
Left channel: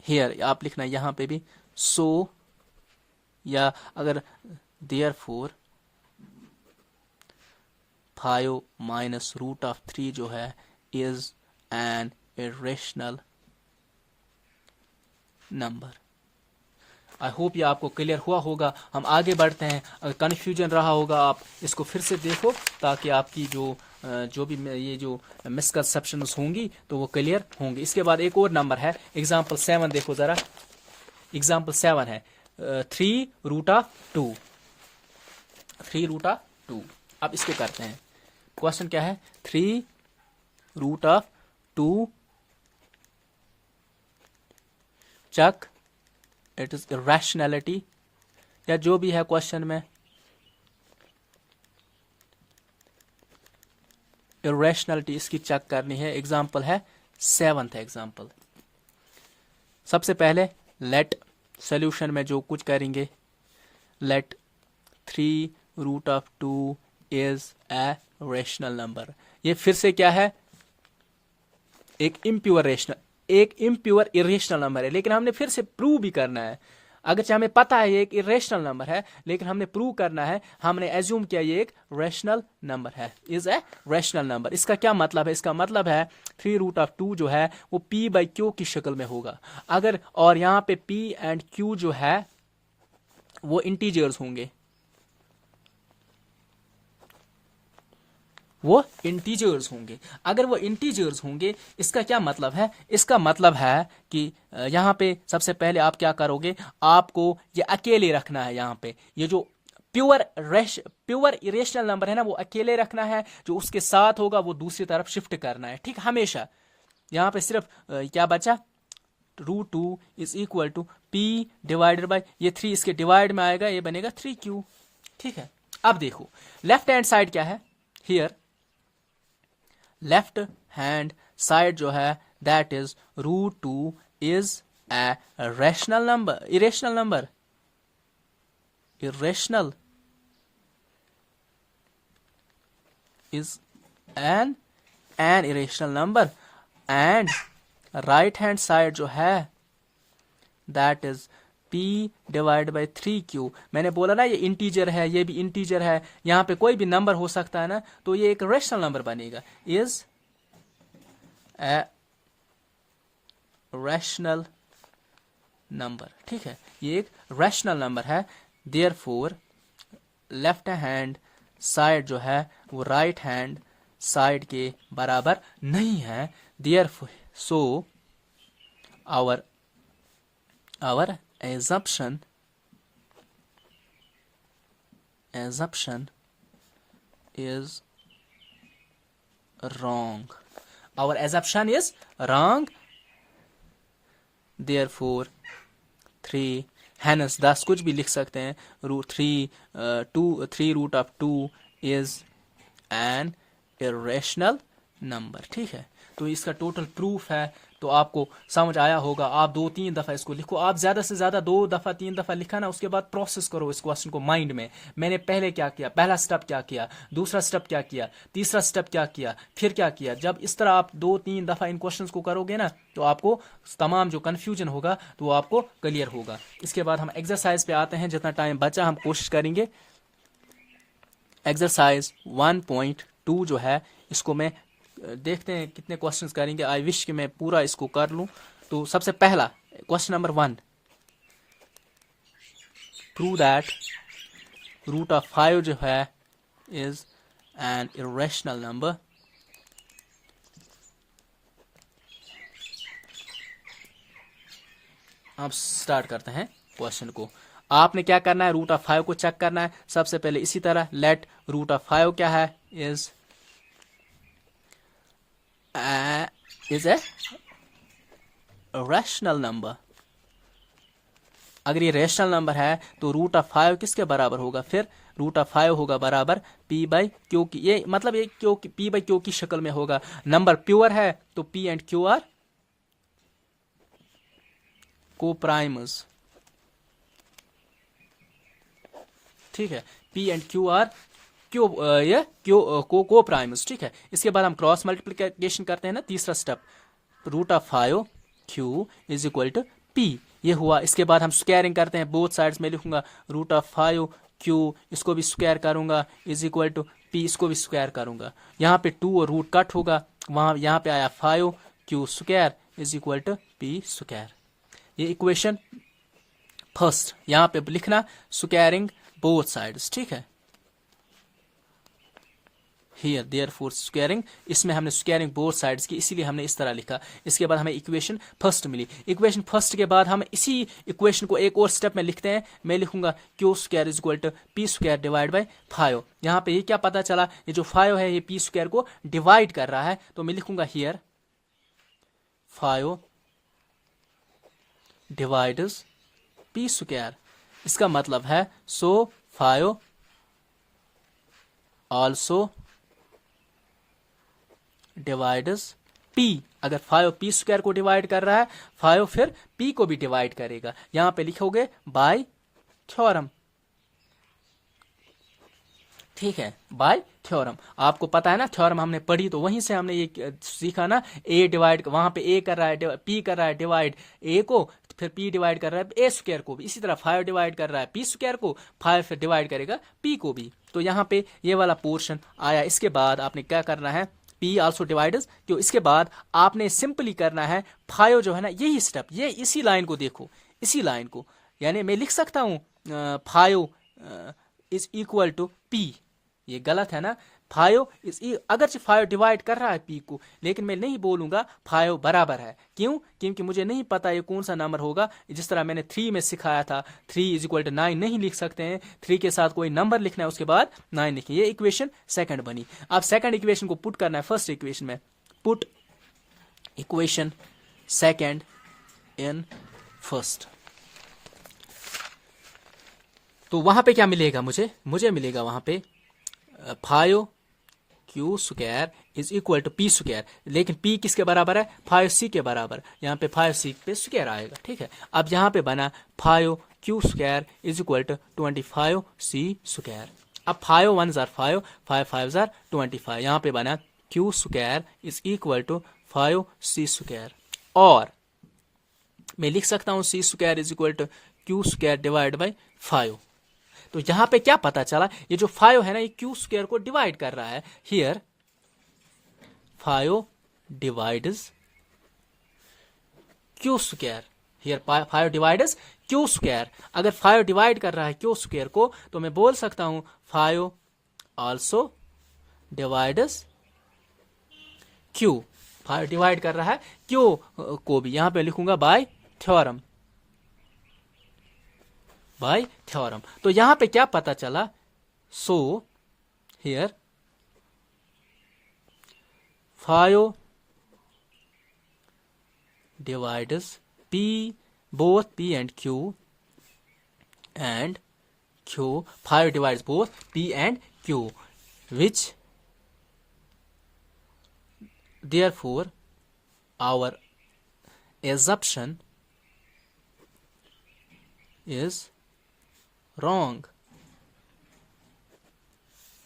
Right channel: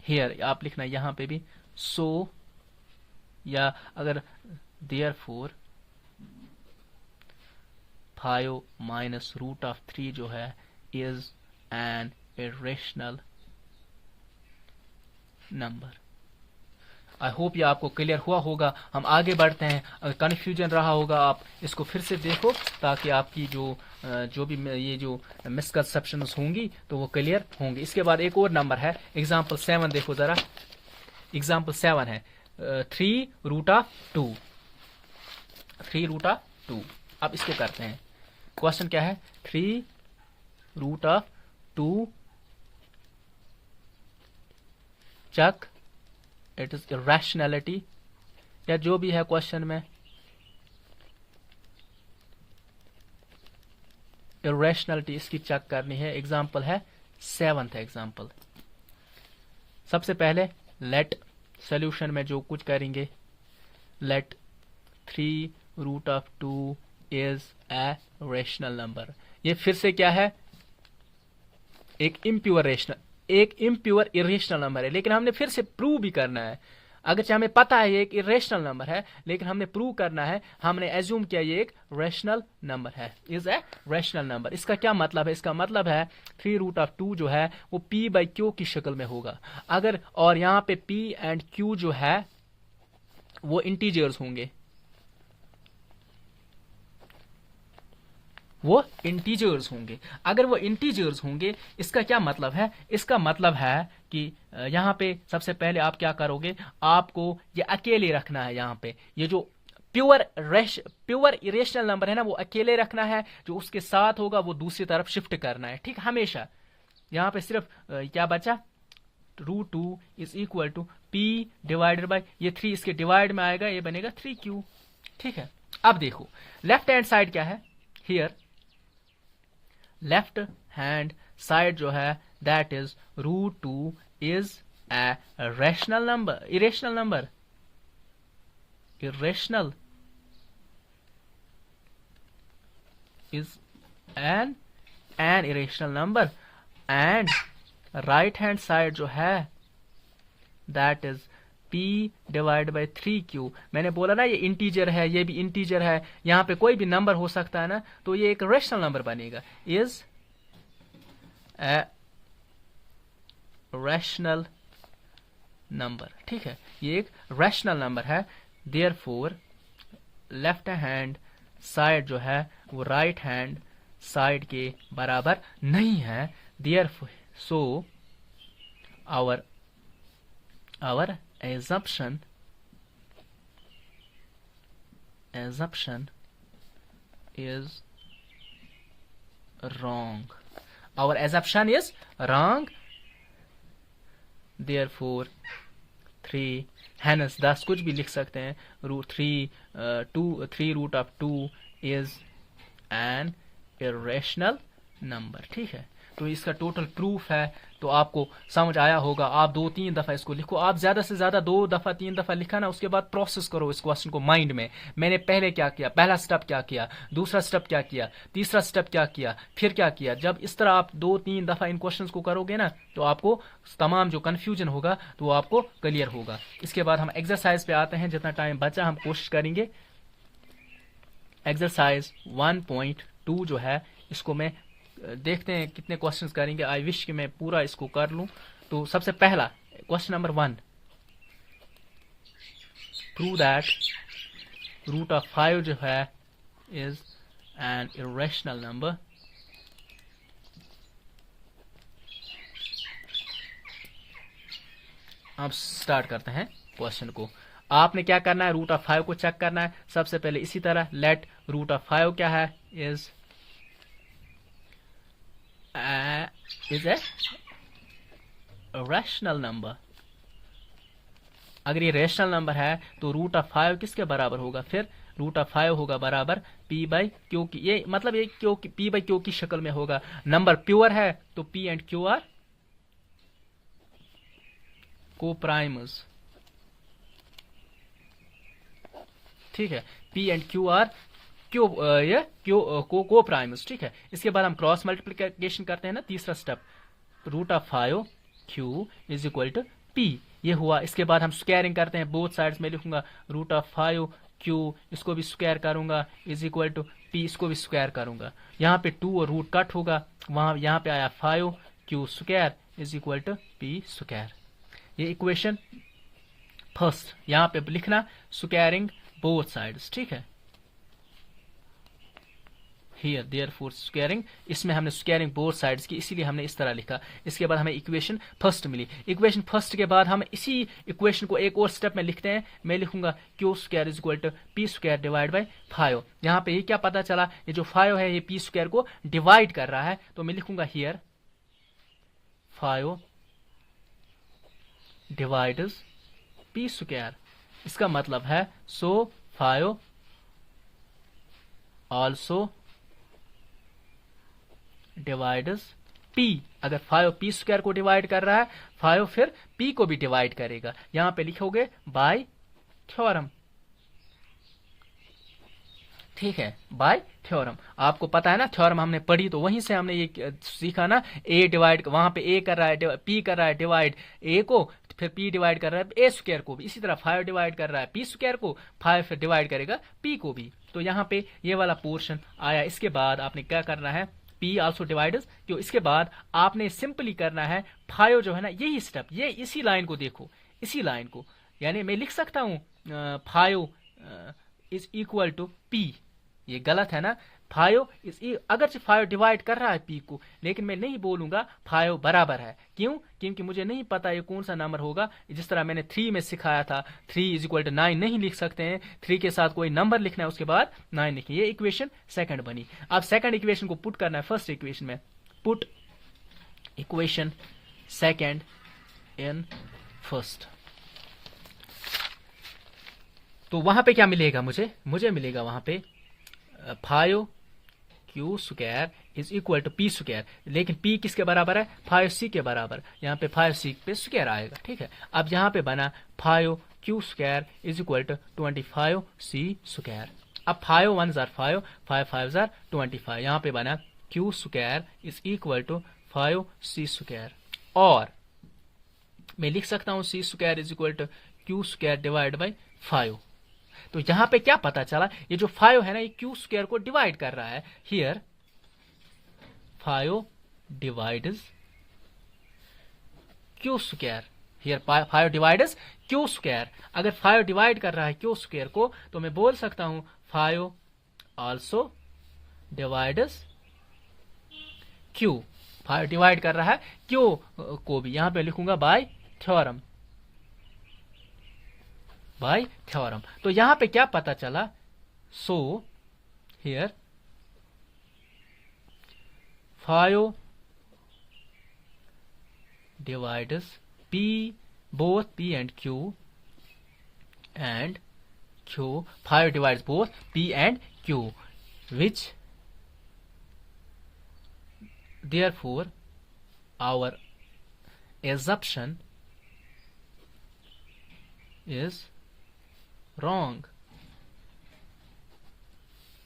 here आप लिखना यहां पे भी सो, या अगर देयरफॉर 5 माइनस रूट ऑफ 3 जो है is an irrational number. I hope ये आपको क्लियर हुआ होगा। हम आगे बढ़ते हैं, अगर कन्फ्यूजन रहा होगा आप इसको फिर से देखो, ताकि आपकी जो भी ये जो मिसकंसेप्शंस होंगी तो वो क्लियर होंगी। इसके बाद एक और नंबर है, एग्जाम्पल 7 देखो जरा, एग्जाम्पल 7 है 3 रूट ऑफ 2, 3 रूट ऑफ 2। अब इसको करते हैं, क्वेश्चन क्या है, 3 root of 2 check it is irrationality, या जो भी है क्वेश्चन में इरेशनैलिटी इसकी चेक करनी है। एग्जाम्पल है 7th एग्जाम्पल। सबसे पहले लेट सॉल्यूशन में जो कुछ करेंगे let 3√2 is a rational number. ये फिर से क्या है, एक इम्प्योर इरेशनल नंबर है, लेकिन हमने फिर से प्रूव भी करना है। अगरचे हमें पता है ये एक इरेशनल नंबर है, लेकिन हमने प्रूव करना है। हमने एज्यूम किया ये एक रेशनल नंबर है, इज ए रेशनल नंबर। इसका क्या मतलब है, इसका मतलब है 3√2 जो है वो p/q की शक्ल में होगा। अगर और यहाँ पे p एंड q जो है वो इंटीजर्स होंगे, वो इंटीजर्स होंगे। अगर वो इंटीजर्स होंगे, इसका क्या मतलब है, इसका मतलब है कि यहाँ पे सबसे पहले आप क्या करोगे, आपको ये अकेले रखना है। यहाँ पे ये जो प्योर इरेशनल नंबर है ना, वो अकेले रखना है। जो उसके साथ होगा वो दूसरी तरफ शिफ्ट करना है, ठीक। हमेशा यहाँ पे सिर्फ क्या बचा, √2 is equal to p divided by ये 3, इसके डिवाइड में आएगा, ये बनेगा 3q, ठीक है। अब देखो लेफ्ट हैंड साइड क्या है, हियर लेफ्ट हैंड साइड जो है that is √2 is a rational number, irrational number, irrational is an irrational number. And right hand side जो है that is p divide by 3q। मैंने बोला ना ये इंटीजर है, ये भी इंटीजर है, यहां पे कोई भी नंबर हो सकता है ना, तो ये एक रेशनल नंबर बनेगा, इज ए रैशनल नंबर, ठीक है। ये एक रैशनल नंबर है। देयरफॉर लेफ्ट हैंड साइड जो है वो राइट हैंड साइड के बराबर नहीं है। Therefore so our assumption is wrong. Our assumption is wrong. Therefore 3 hence 10 कुछ भी लिख सकते हैं, √3 is an irrational number, ठीक है। तो इसका टोटल प्रूफ है। तो आपको समझ आया होगा। आप 2-3 दफ़ा इसको लिखो, आप ज़्यादा से ज़्यादा 2 दफ़ा 3 दफ़ा लिखा ना, उसके बाद प्रोसेस करो इस क्वेश्चन को माइंड में। मैंने पहले क्या किया, पहला स्टेप क्या किया, दूसरा स्टेप क्या किया, तीसरा स्टेप क्या किया, फिर क्या किया। जब इस तरह आप 2-3 दफ़ा इन क्वेश्चन को करोगे ना, तो आपको तमाम जो कन्फ्यूजन होगा तो वो आपको क्लियर होगा। इसके बाद हम एक्सरसाइज पे आते हैं। जितना टाइम बचा हम कोशिश करेंगे। एक्सरसाइज 1.2 जो है, इसको मैं देखते हैं कितने क्वेश्चंस करेंगे। आई विश कि मैं पूरा इसको कर लूं। तो सबसे पहला क्वेश्चन नंबर 1, प्रूव दैट √5 जो है इज एन इरेशनल नंबर। अब स्टार्ट करते हैं क्वेश्चन को। आपने क्या करना है, √5 को चेक करना है। सबसे पहले इसी तरह लेट √5 क्या है, इज ए रैशनल नंबर। अगर ये रैशनल नंबर है तो √5 किसके बराबर होगा, फिर √5 होगा बराबर p/q की। ये मतलब ये क्यों p/q की शक्ल में होगा। नंबर प्योर है तो p एंड q आर कोप्राइमस, ठीक है। p एंड q आर कोप्राइमस, ठीक है। इसके बाद हम क्रॉस मल्टीप्लिकेशन करते हैं ना, तीसरा step, √5q is equal to p, ये हुआ। इसके बाद हम स्क्वायरिंग करते हैं बोथ साइड्स में। लिखूंगा √5q, इसको भी स्क्वायर करूंगा, इज इक्वल टू p, इसको भी स्क्वायर करूंगा। यहाँ पे 2 और रूट कट होगा, वहां यहाँ पे आया 5q square is equal to p square. ये इक्वेशन फर्स्ट। यहाँ पे लिखना स्क्वायरिंग बोथ साइड्स, ठीक है। Here, therefore squaring, इसमें हमने स्क्वायरिंग बोथ साइड्स की, इसीलिए हमने इस तरह लिखा। इसके बाद हमें इक्वेशन फर्स्ट मिली। इक्वेशन फर्स्ट के बाद हम इसी इक्वेशन को एक और स्टेप में लिखते हैं। मैं लिखूंगा q square is equal to p square divide by 5। यहाँ पे ये क्या पता चला, ये जो 5 है ये p स्क्वायर को डिवाइड कर रहा है, तो मैं लिखूंगा हियर 5 डिवाइड्स p स्क्वायर। इसका मतलब है सो 5 ऑल्सो डिवाइड्स p। अगर 5 p स्क्वायर को डिवाइड कर रहा है, 5 फिर p को भी डिवाइड करेगा। यहां पे लिखोगे बाय थ्योरम, ठीक है, बाय थ्योरम। आपको पता है ना, थ्योरम हमने पढ़ी तो वहीं से हमने ये सीखा ना, ए डिवाइड, वहां पे ए कर रहा है, पी कर रहा है डिवाइड ए को, फिर पी डिवाइड कर रहा है ए स्क्वायर को भी, इसी तरह 5 डिवाइड कर रहा है पी स्क्वायर को, 5 फिर डिवाइड करेगा पी को भी। तो यहाँ पे ये वाला पोर्शन आया। इसके बाद आपने क्या करना है, पी आल्सो डिवाइडर्स, क्यों, इसके बाद आपने सिंपली करना है 5 जो है ना, यही स्टेप, ये इसी लाइन को देखो, इसी लाइन को, यानी मैं लिख सकता हूँ 5 इज इक्वल टू पी, ये गलत है ना, 5 इज, अगर 5 डिवाइड कर रहा है पी को, लेकिन मैं नहीं बोलूंगा 5 बराबर है, क्यों, क्योंकि मुझे नहीं पता ये कौन सा नंबर होगा। जिस तरह मैंने 3 में सिखाया था, 3 इज इक्वल टू 9 नहीं लिख सकते हैं, 3 के साथ कोई नंबर लिखना है, उसके बाद 9 लिखिए। ये इक्वेशन सेकंड बनी। अब सेकंड इक्वेशन को पुट करना है फर्स्ट इक्वेशन में, put equation second in first. तो वहां पे क्या मिलेगा मुझे मिलेगा वहां पे 5 Q square is equal to P square, लेकिन पी किसके बराबर है, 5c के बराबर, यहाँ पे 5c पे स्क्वायर आएगा। ठीक है, अब यहाँ पे बना 5 Q square is equal to 25c square. अब 5 1 जार 5, 5 5 जार 25, यहाँ पे बना Q square is equal to 5c square, और मैं लिख सकता हूँ c square is equal to Q square divide by 5। तो यहां पे क्या पता चला, ये जो 5 है ना, ये क्यू स्क्वायर को डिवाइड कर रहा है। Here 5 divides Q square, here 5 divides Q square. अगर 5 डिवाइड कर रहा है क्यू स्क्वायर को, तो मैं बोल सकता हूं 5 आल्सो डिवाइड्स क्यू, 5 डिवाइड कर रहा है क्यू को भी, यहां पे लिखूंगा बाय थ्योरम, बाय थ्योरम। तो यहां पे क्या पता चला, so here 5 divides p, both p and q, and q, 5 divides both p and q, which therefore our assumption is wrong,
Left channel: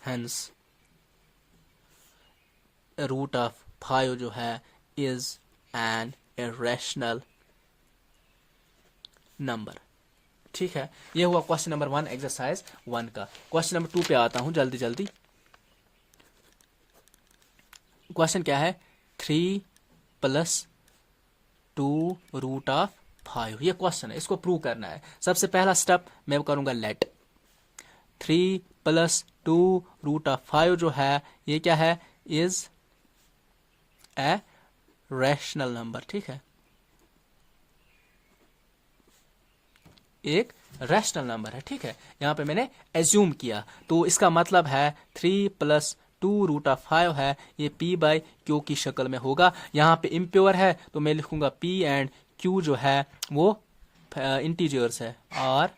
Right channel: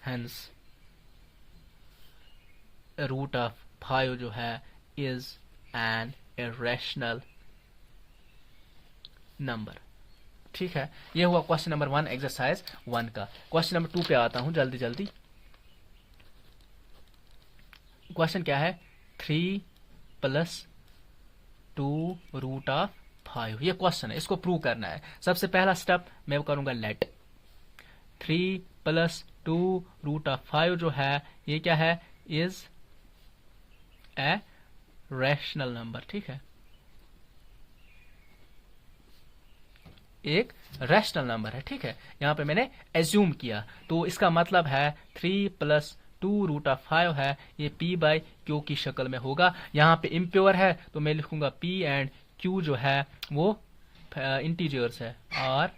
hence root of 5 जो है is an irrational number। ठीक है, ये हुआ क्वेश्चन नंबर 1 एक्सरसाइज 1 का। Question number 2 पे आता हूं जल्दी जल्दी। क्वेश्चन क्या है, 3 + 2 रूट ऑफ 5, ये क्वेश्चन है, इसको प्रूव करना है। सबसे पहला स्टेप मैं करूंगा लेट 3 + 2 रूट ऑफ 5 जो है, ये क्या है, इज ए रैशनल नंबर। ठीक है, एक रैशनल नंबर है। ठीक है, यहां पे मैंने एज्यूम किया, तो इसका मतलब है 3 + 2 रूट ऑफ 5 है, ये p बाई क्यू की शक्ल में होगा। यहाँ पे इम्प्योर है, तो मैं लिखूंगा p एंड q जो है वो इंटीजर्स है, और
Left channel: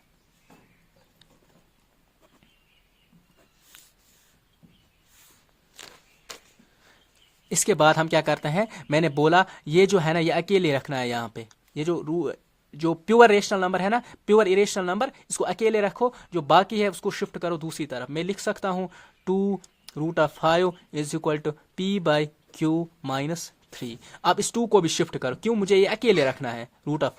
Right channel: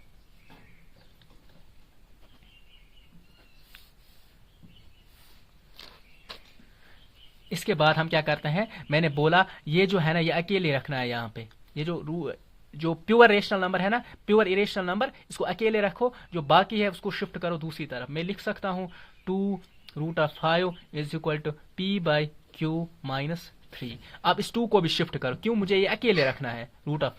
इसके बाद हम क्या करते हैं, मैंने बोला ये जो है ना, ये अकेले रखना है यहाँ पे, ये जो प्योर रेशनल नंबर है ना, प्योर इरेशनल नंबर, इसको अकेले रखो, जो बाकी है उसको शिफ्ट करो दूसरी तरफ। मैं लिख सकता हूँ 2 root of 5 is equal to p by Q minus 3। अब इस 2 को भी शिफ्ट करो, क्यों, मुझे ये अकेले रखना है। Root of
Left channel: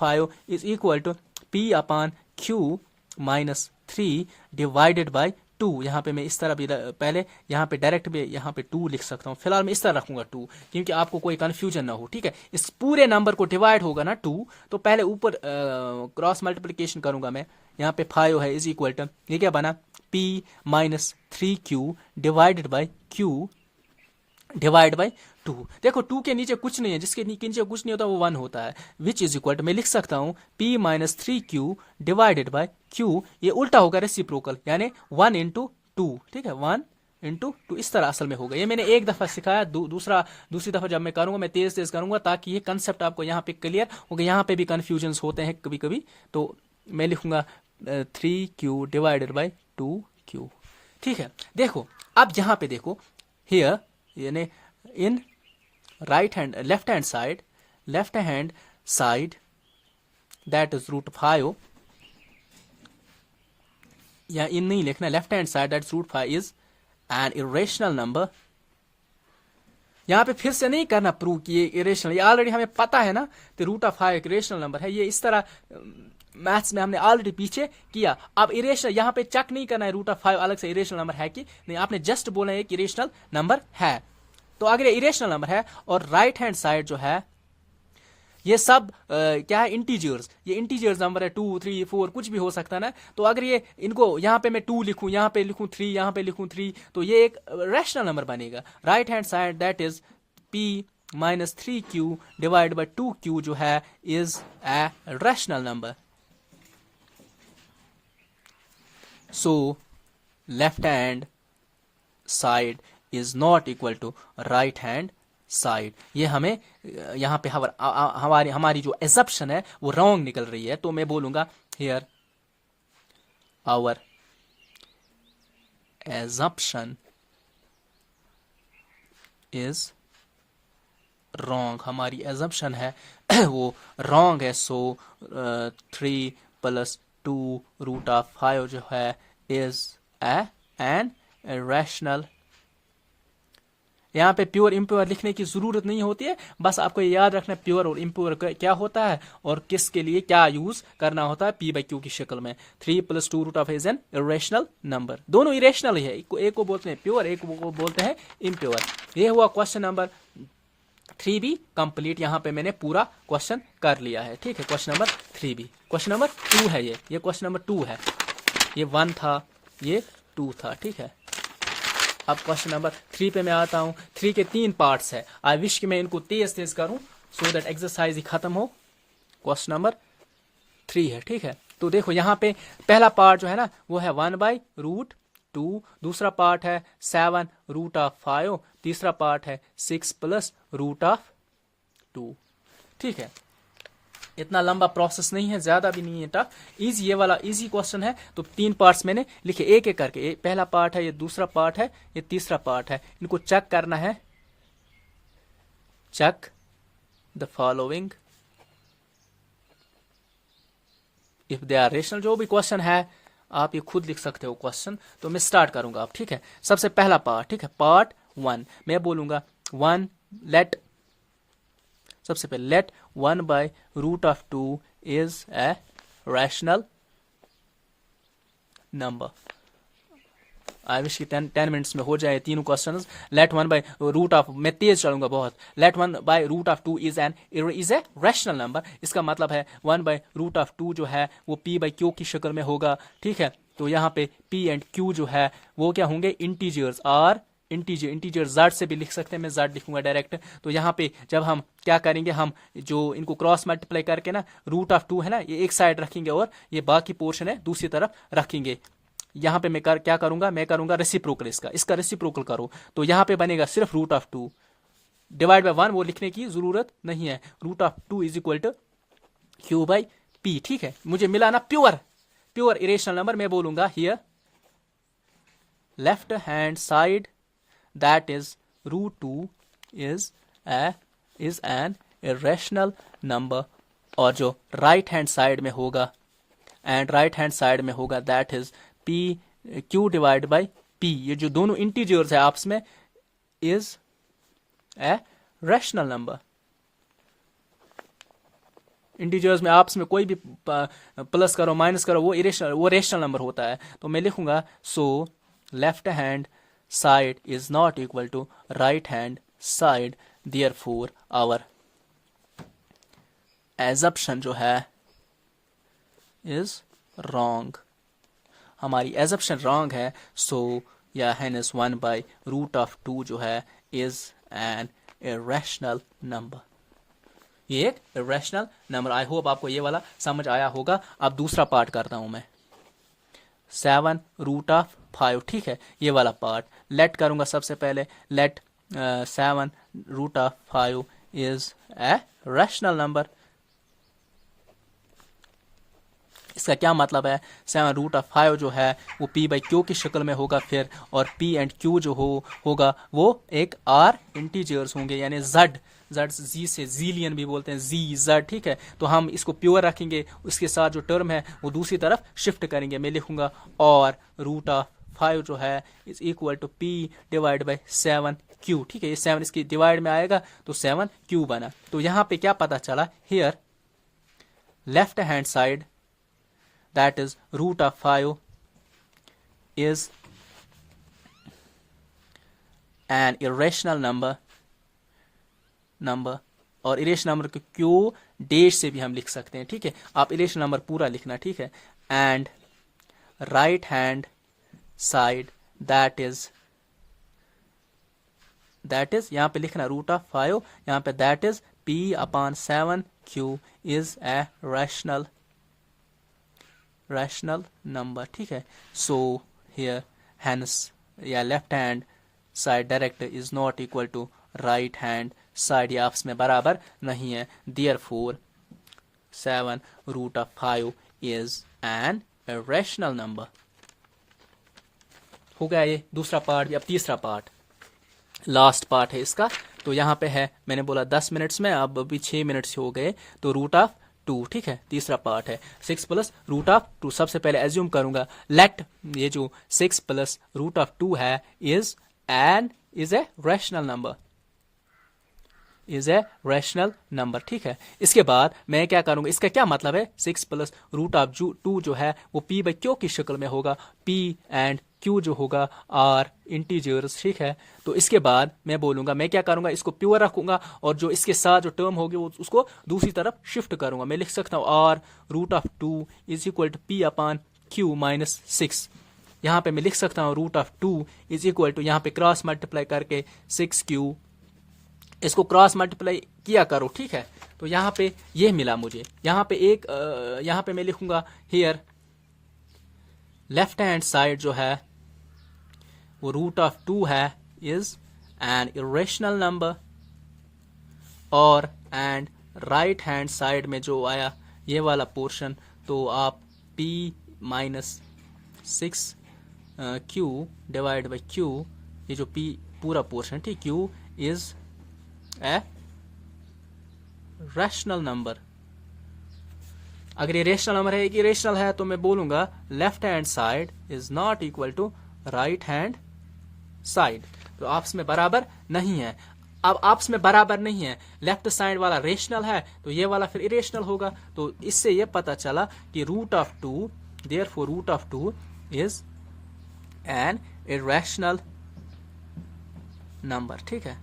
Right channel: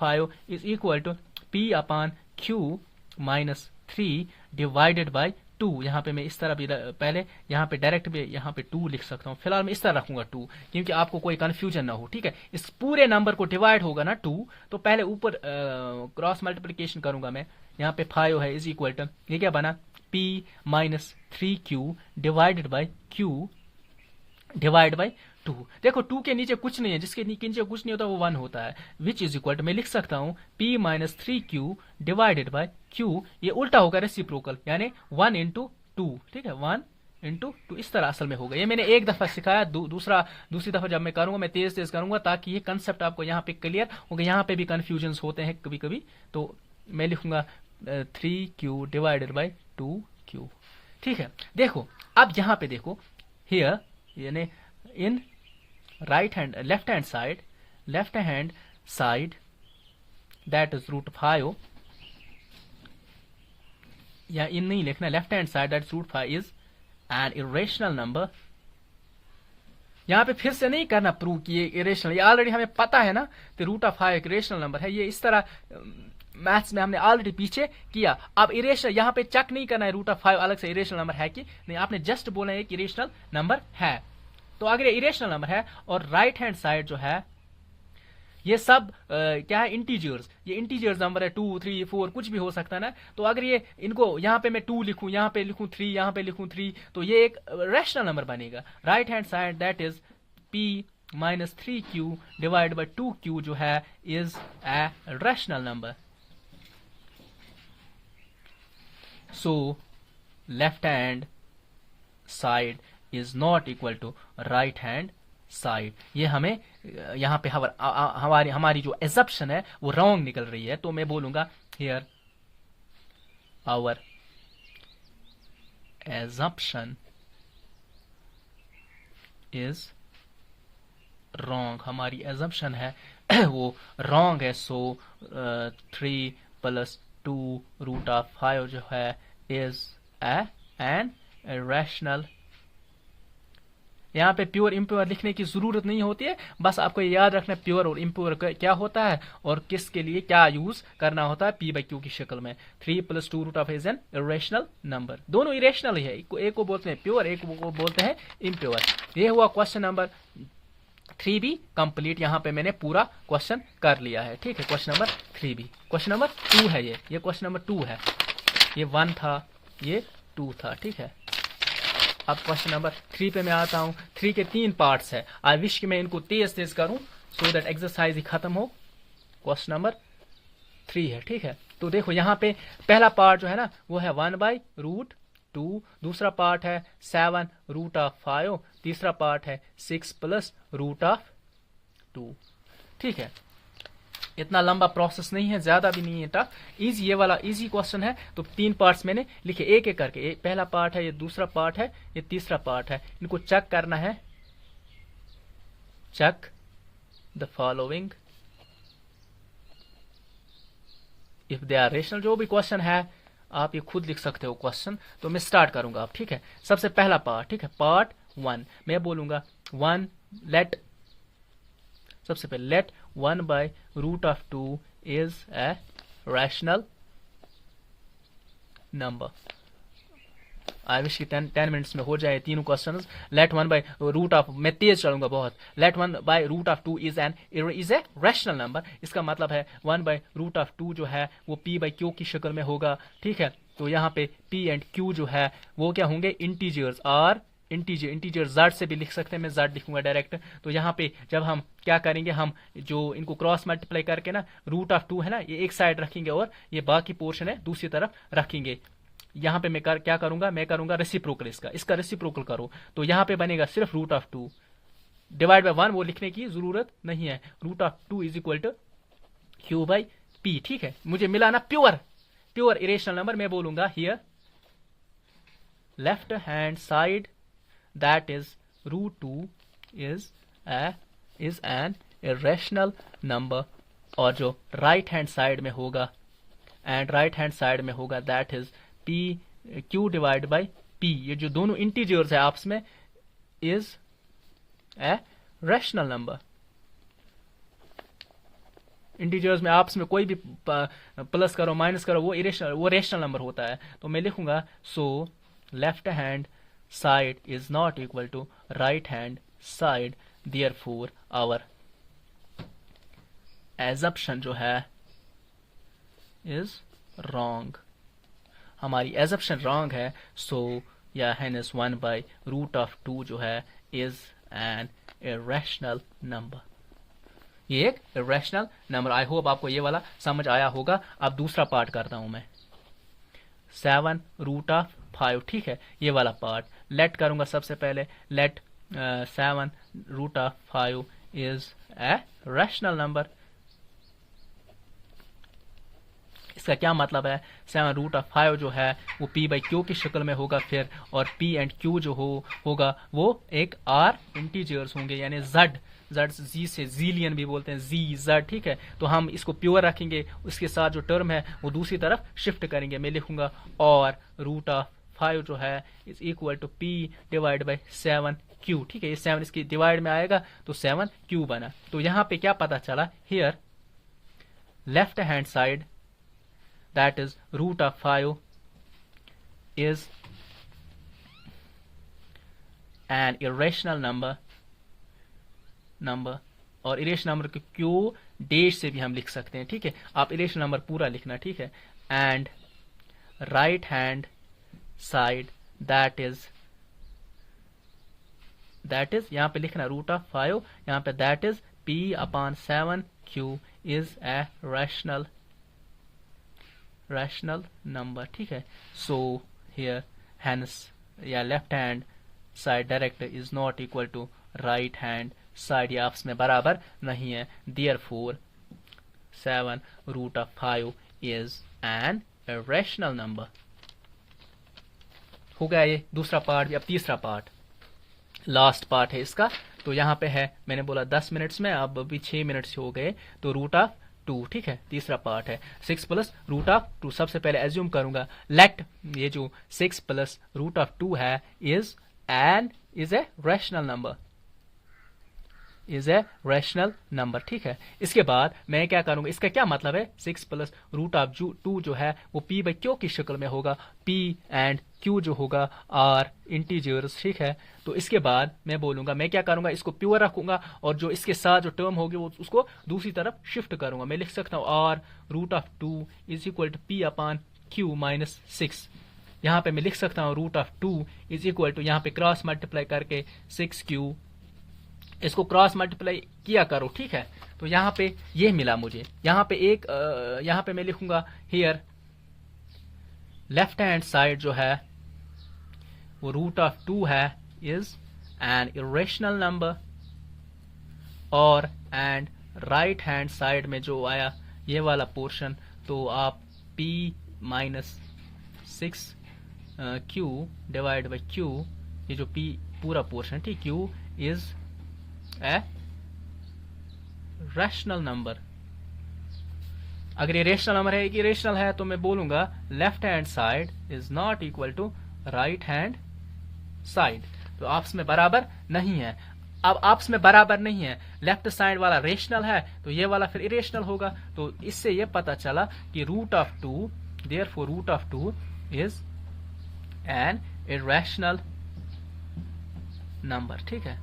5 is equal to p upon Q minus 3 divided by 2। यहाँ पे मैं इस तरह भी पहले यहाँ पे डायरेक्ट भी यहाँ पे 2 लिख सकता हूँ, फिलहाल मैं इस तरह रखूंगा 2, क्योंकि आपको कोई कंफ्यूजन ना हो। ठीक है, इस पूरे नंबर को डिवाइड होगा ना 2, तो पहले ऊपर क्रॉस मल्टीप्लिकेशन करूंगा मैं। यहाँ पे 5 है इज इक्वल टू, ये क्या बना, p minus 3q divided by q divide by 2। देखो 2 के नीचे कुछ नहीं है, जिसके नीचे कुछ नहीं होता वो 1 होता है, विच इज इक्वल टू, मैं लिख सकता हूँ p minus 3q divided by q, ये उल्टा होगा रेसिप्रोकल, यानी 1 इंटू 2। ठीक है, 1 इंटू 2 इस तरह असल में होगा। ये मैंने एक दफा सिखाया, दूसरी दफा जब मैं करूंगा मैं तेज तेज करूंगा, ताकि ये कंसेप्ट आपको यहाँ पे क्लियर होगा। यहाँ पे भी कंफ्यूजन होते हैं कभी कभी, तो मैं लिखूंगा 3q डिवाइडेड बाई 2q। ठीक है, देखो अब यहाँ पे देखो, हियर यानी in left hand side that is root 5, या इन नहीं लिखना, left hand side that root 5 is an irrational number. यहाँ पे फिर से नहीं करना प्रूव कि ये इरेशनल, ये ऑलरेडी हमें पता है ना, तो रूट ऑफ 5 एक इरेशनल नंबर है। ये इस तरह मैथ्स में हमने ऑलरेडी पीछे किया। अब इरेशनल यहाँ पे चेक नहीं करना है रूट ऑफ 5 अलग से इरेशनल नंबर है कि नहीं, आपने जस्ट बोला है कि इरेशनल नंबर है। तो अगर ये इरेशनल नंबर है और राइट हैंड साइड जो है ये सब क्या है, इंटीजर्स, ये इंटीजर्स नंबर है, 2 3 4 कुछ भी हो सकता है ना। तो अगर ये इनको यहाँ पे मैं 2 लिखूं, यहाँ पे लिखूं 3, यहाँ पे लिखूं 3, तो ये एक रैशनल नंबर बनेगा। Right hand side that is p minus 3q divide by 2q जो है is a rational number. So left hand side is not equal to right hand side. ये हमें यहां पे हमारी जो एजप्शन है वो रॉन्ग निकल रही है। तो मैं बोलूंगा here our assumption is wrong. हमारी एजप्शन है वो रॉन्ग है। सो 3 + 2 रूट ऑफ 5 जो है इज एन इरेशनल। यहाँ पे प्योर इम्प्योर लिखने की जरूरत नहीं होती है, बस आपको याद रखना प्योर और इम्प्योर क्या होता है और किसके लिए क्या यूज करना होता है p/q की शक्ल में। 3 + 2 root of is an irrational number. दोनों इरेशनल ही है, एक को बोलते हैं प्योर, एक को बोलते हैं इम्प्योर। ये हुआ क्वेश्चन नंबर 3 भी कंप्लीट। यहाँ पे मैंने पूरा क्वेश्चन कर लिया है, ठीक है। क्वेश्चन नंबर 3 भी, क्वेश्चन नंबर 2 है ये क्वेश्चन नंबर 2 है। ये 1 था, ये 2 था, ठीक है। अब क्वेश्चन नंबर 3 पे मैं आता हूं। 3 के 3 पार्ट्स है। आई विश कि मैं इनको तेज तेज करूं सो दैट एक्सरसाइज ही खत्म हो। क्वेश्चन नंबर 3 है, ठीक है। तो देखो यहाँ पे पहला पार्ट जो है ना वो है 1/√2, दूसरा पार्ट है 7 रूट ऑफ 5, तीसरा पार्ट है 6 + रूट ऑफ 2, ठीक है। इतना लंबा प्रोसेस नहीं है, ज्यादा भी नहीं है टफ, इजी, ये वाला इजी क्वेश्चन है। तो 3 पार्ट्स मैंने लिखे एक एक करके। पहला पार्ट है, ये दूसरा पार्ट है, ये तीसरा पार्ट है। इनको चेक करना है। Check the following if they are rational. जो भी क्वेश्चन है आप ये खुद लिख सकते हो क्वेश्चन। तो मैं स्टार्ट करूंगा अब, ठीक है। सबसे पहला पार्ट, ठीक है, पार्ट 1 मैं बोलूंगा 1 लेट, सबसे पहले let 1/√2 is a rational number. I wish की 10 मिनट्स में हो जाए तीनों क्वेश्चन। लेट 1/√, मैं तेज चलूंगा बहुत। Let 1/√2 is a rational number. इसका मतलब है 1/√2 जो है वो p/q की शक्ल में होगा, ठीक है। तो यहाँ पे p एंड q जो है वो क्या होंगे, इंटीजर्स। और इंटीजर z से भी लिख सकते हैं, मैं z लिखूंगा डायरेक्ट। तो यहाँ पे जब हम क्या करेंगे, हम जो इनको क्रॉस मल्टीप्लाई करके ना √2 है ना, ये एक साइड रखेंगे और ये बाकी पोर्शन है दूसरी तरफ रखेंगे। यहाँ पे मैं क्या करूंगा, मैं करूंगा रेसिप्रोकल, इसका रेसिप्रोकल करो। तो यहाँ पे बनेगा सिर्फ √2 डिवाइड बाय 1, वो लिखने की जरूरत नहीं है। √2 इज इक्वल टू q/p, ठीक है। मुझे मिला ना प्योर इरेशनल नंबर। मैं बोलूंगा here left hand side that is √2 is an irrational number। और जो राइट हैंड साइड में होगा that is q divide by p। ये जो दोनों इंटीजर्स है आपस में is a rational number। Integers में आपस में कोई भी प्लस करो माइनस करो वो रेशनल नंबर होता है। तो मैं लिखूंगा सो left hand side is not equal to right hand side, therefore our assumption जो है is wrong। हमारी assumption wrong है। so या hence 1/√2 जो है is an irrational number। ये एक irrational number। आई होप आपको ये वाला समझ आया होगा। अब दूसरा पार्ट करता हूं मैं, 7 √5, ठीक है। ये वाला पार्ट लेट करूंगा सबसे पहले। Let 7 √5 is a rational number. इसका क्या मतलब है, 7 √5 जो है वो p/q की शक्ल में होगा फिर, और p एंड q जो होगा वो एक r इंटीजर्स होंगे, यानी जेड जी से जीलियन भी बोलते हैं, जी जेड, ठीक है। तो हम इसको प्योर रखेंगे, उसके साथ जो टर्म है वो दूसरी तरफ शिफ्ट करेंगे। मैं लिखूंगा और रूट ऑफ 5 जो है is equal to p divide by 7q, ठीक है। ये 7 इसकी डिवाइड में आएगा तो 7q बना। तो यहाँ पे क्या पता चला, here left hand side that is root of 5 is an irrational number और इरेशनल नंबर को क्यू डैश से भी हम लिख सकते हैं, ठीक है। आप इरेशनल नंबर पूरा लिखना, ठीक है। And right hand side that is यहाँ पे लिखना रूट ऑफ 5, यहाँ पे that is p upon 7q is a rational number, ठीक है। सो here hence या left hand side direct is not equal to right hand side, ये आपस में बराबर नहीं है। Therefore 7 root of 5 is an irrational number. हो गया ये दूसरा पार्ट। अब तीसरा पार्ट, लास्ट पार्ट है इसका। तो यहाँ पे है, मैंने बोला 10 मिनट्स में, अब अभी 6 मिनट्स हो गए। तो रूट ऑफ 2, ठीक है। तीसरा पार्ट है 6 प्लस रूट ऑफ 2। सबसे पहले एज्यूम करूंगा लेट ये जो 6 प्लस रूट ऑफ 2 है इज ए रैशनल नंबर, ठीक है। इसके बाद मैं क्या करूंगा, इसका क्या मतलब है, 6 प्लस रूट ऑफ 2 जो है वो p बाई क्यू की शक्ल में होगा। p एंड q जो होगा आर इंटीजर्स, ठीक है। तो इसके बाद मैं बोलूंगा, मैं क्या करूंगा, इसको प्योर रखूंगा और जो इसके साथ जो टर्म होगी वो उसको दूसरी तरफ शिफ्ट करूंगा। मैं लिख सकता हूँ r root of 2 is equal to p upon q minus 6। यहाँ पे मैं लिख सकता हूँ root of 2 is equal to, यहाँ पे क्रॉस मल्टीप्लाई करके 6q, इसको क्रॉस मल्टीप्लाई किया करो, ठीक है। तो यहाँ पे ये मिला मुझे। यहाँ पे यहाँ पे मैं लिखूंगा हियर लेफ्ट हैंड साइड जो है वो रूट ऑफ 2 है इज एन इरेशनल नंबर, और एंड राइट हैंड साइड में जो आया ये वाला पोर्शन, तो आप p minus 6q divide by q, ये जो p पूरा पोर्शन, ठीक, q is a rational number. अगर ये रेशनल नंबर है, इरेशनल है, तो मैं बोलूंगा left hand side is not equal to right hand side. तो आपस में बराबर नहीं है। अब आपस में बराबर नहीं है, लेफ्ट साइड वाला रेशनल है तो ये वाला फिर इरेशनल होगा। तो इससे ये पता चला कि root of 2, therefore root of 2 is an irrational number, ठीक है।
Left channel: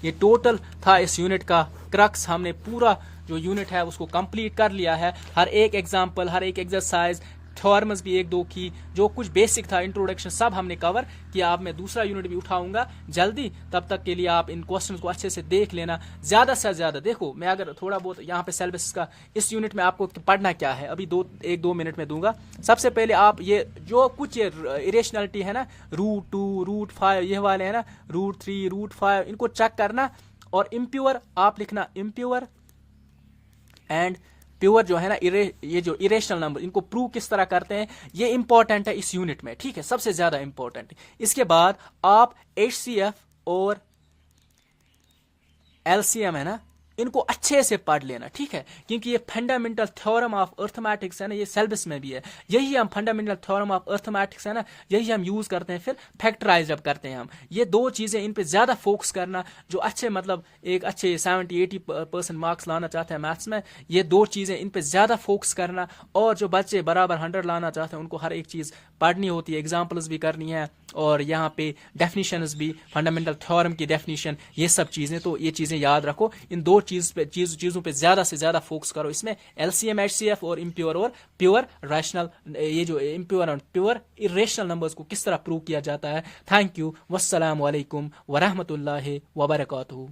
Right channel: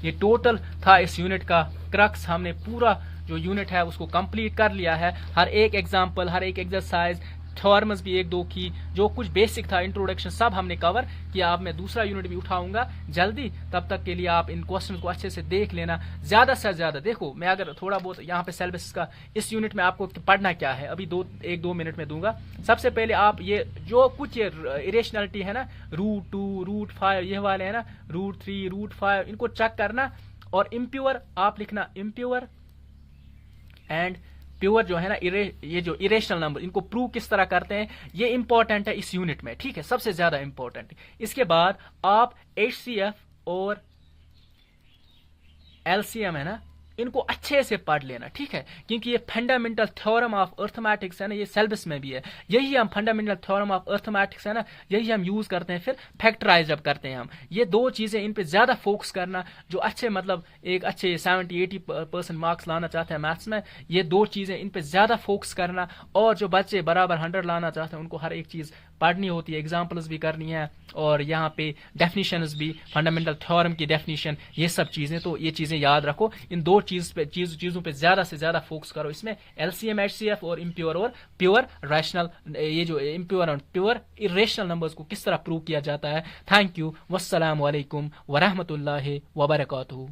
ये टोटल था इस यूनिट का क्रक्स। हमने पूरा जो यूनिट है उसको कंप्लीट कर लिया है। हर एक एग्जांपल, हर एक एक्सरसाइज, थ्योरम्स भी 1-2 की, जो कुछ बेसिक था, इंट्रोडक्शन, सब हमने कवर किया। अब मैं दूसरा यूनिट भी उठाऊंगा जल्दी। तब तक के लिए आप इन क्वेश्चंस को अच्छे से देख लेना, ज्यादा से ज्यादा। देखो, मैं अगर थोड़ा बहुत यहाँ पे सिलेबस का इस यूनिट में आपको तो पढ़ना क्या है, अभी 1-2 मिनट में दूंगा। सबसे पहले आप ये जो कुछ ये इरेशनलिटी है ना, रूट 2, रूट 5, ये वाले है ना, रूट 3, रूट 5, इनको चेक करना। और इम्प्योर आप लिखना, इम्प्योर एंड प्योर जो है ना, ये जो इरेशनल नंबर, इनको प्रूव किस तरह करते हैं, ये इंपॉर्टेंट है इस यूनिट में, ठीक है, सबसे ज्यादा इंपॉर्टेंट। इसके बाद आप HCF और LCM है ना, इनको अच्छे से पढ़ लेना, ठीक है, क्योंकि ये फंडामेंटल थ्योरम ऑफ अर्थमेटिक्स है ना, ये सिलेबस में भी है। यही हम फंडामेंटल थ्योरम ऑफ अर्थमेटिक्स है ना, यही हम यूज करते हैं फिर फैक्टराइज जब करते हैं हम। ये 2 चीजें, इन पे ज्यादा फोकस करना। जो अच्छे मतलब एक अच्छे 70-80% मार्क्स लाना चाहते हैं मैथ्स में, ये 2 चीजें, इन पे ज्यादा फोकस करना। और जो बच्चे बराबर 100 लाना चाहते हैं, उनको हर एक चीज पढ़नी होती है, एग्जाम्पल्स भी करनी है, और यहाँ पे डेफिनेशंस भी, फंडामेंटल थ्योरम की डेफिनेशन, ये सब चीजें। तो ये चीजें याद रखो, इन 2 चीजों पे ज्यादा से ज्यादा फोकस करो। इसमें LCM, HCF और इम्प्योर और प्योर रैशनल, ये जो इम्प्योर और प्योर इरेशनल नंबर्स को किस तरह प्रूव किया जाता है। Thank you. वस्सलाम वालेकुम वरहमतुल्लाहि वबरकातुहू।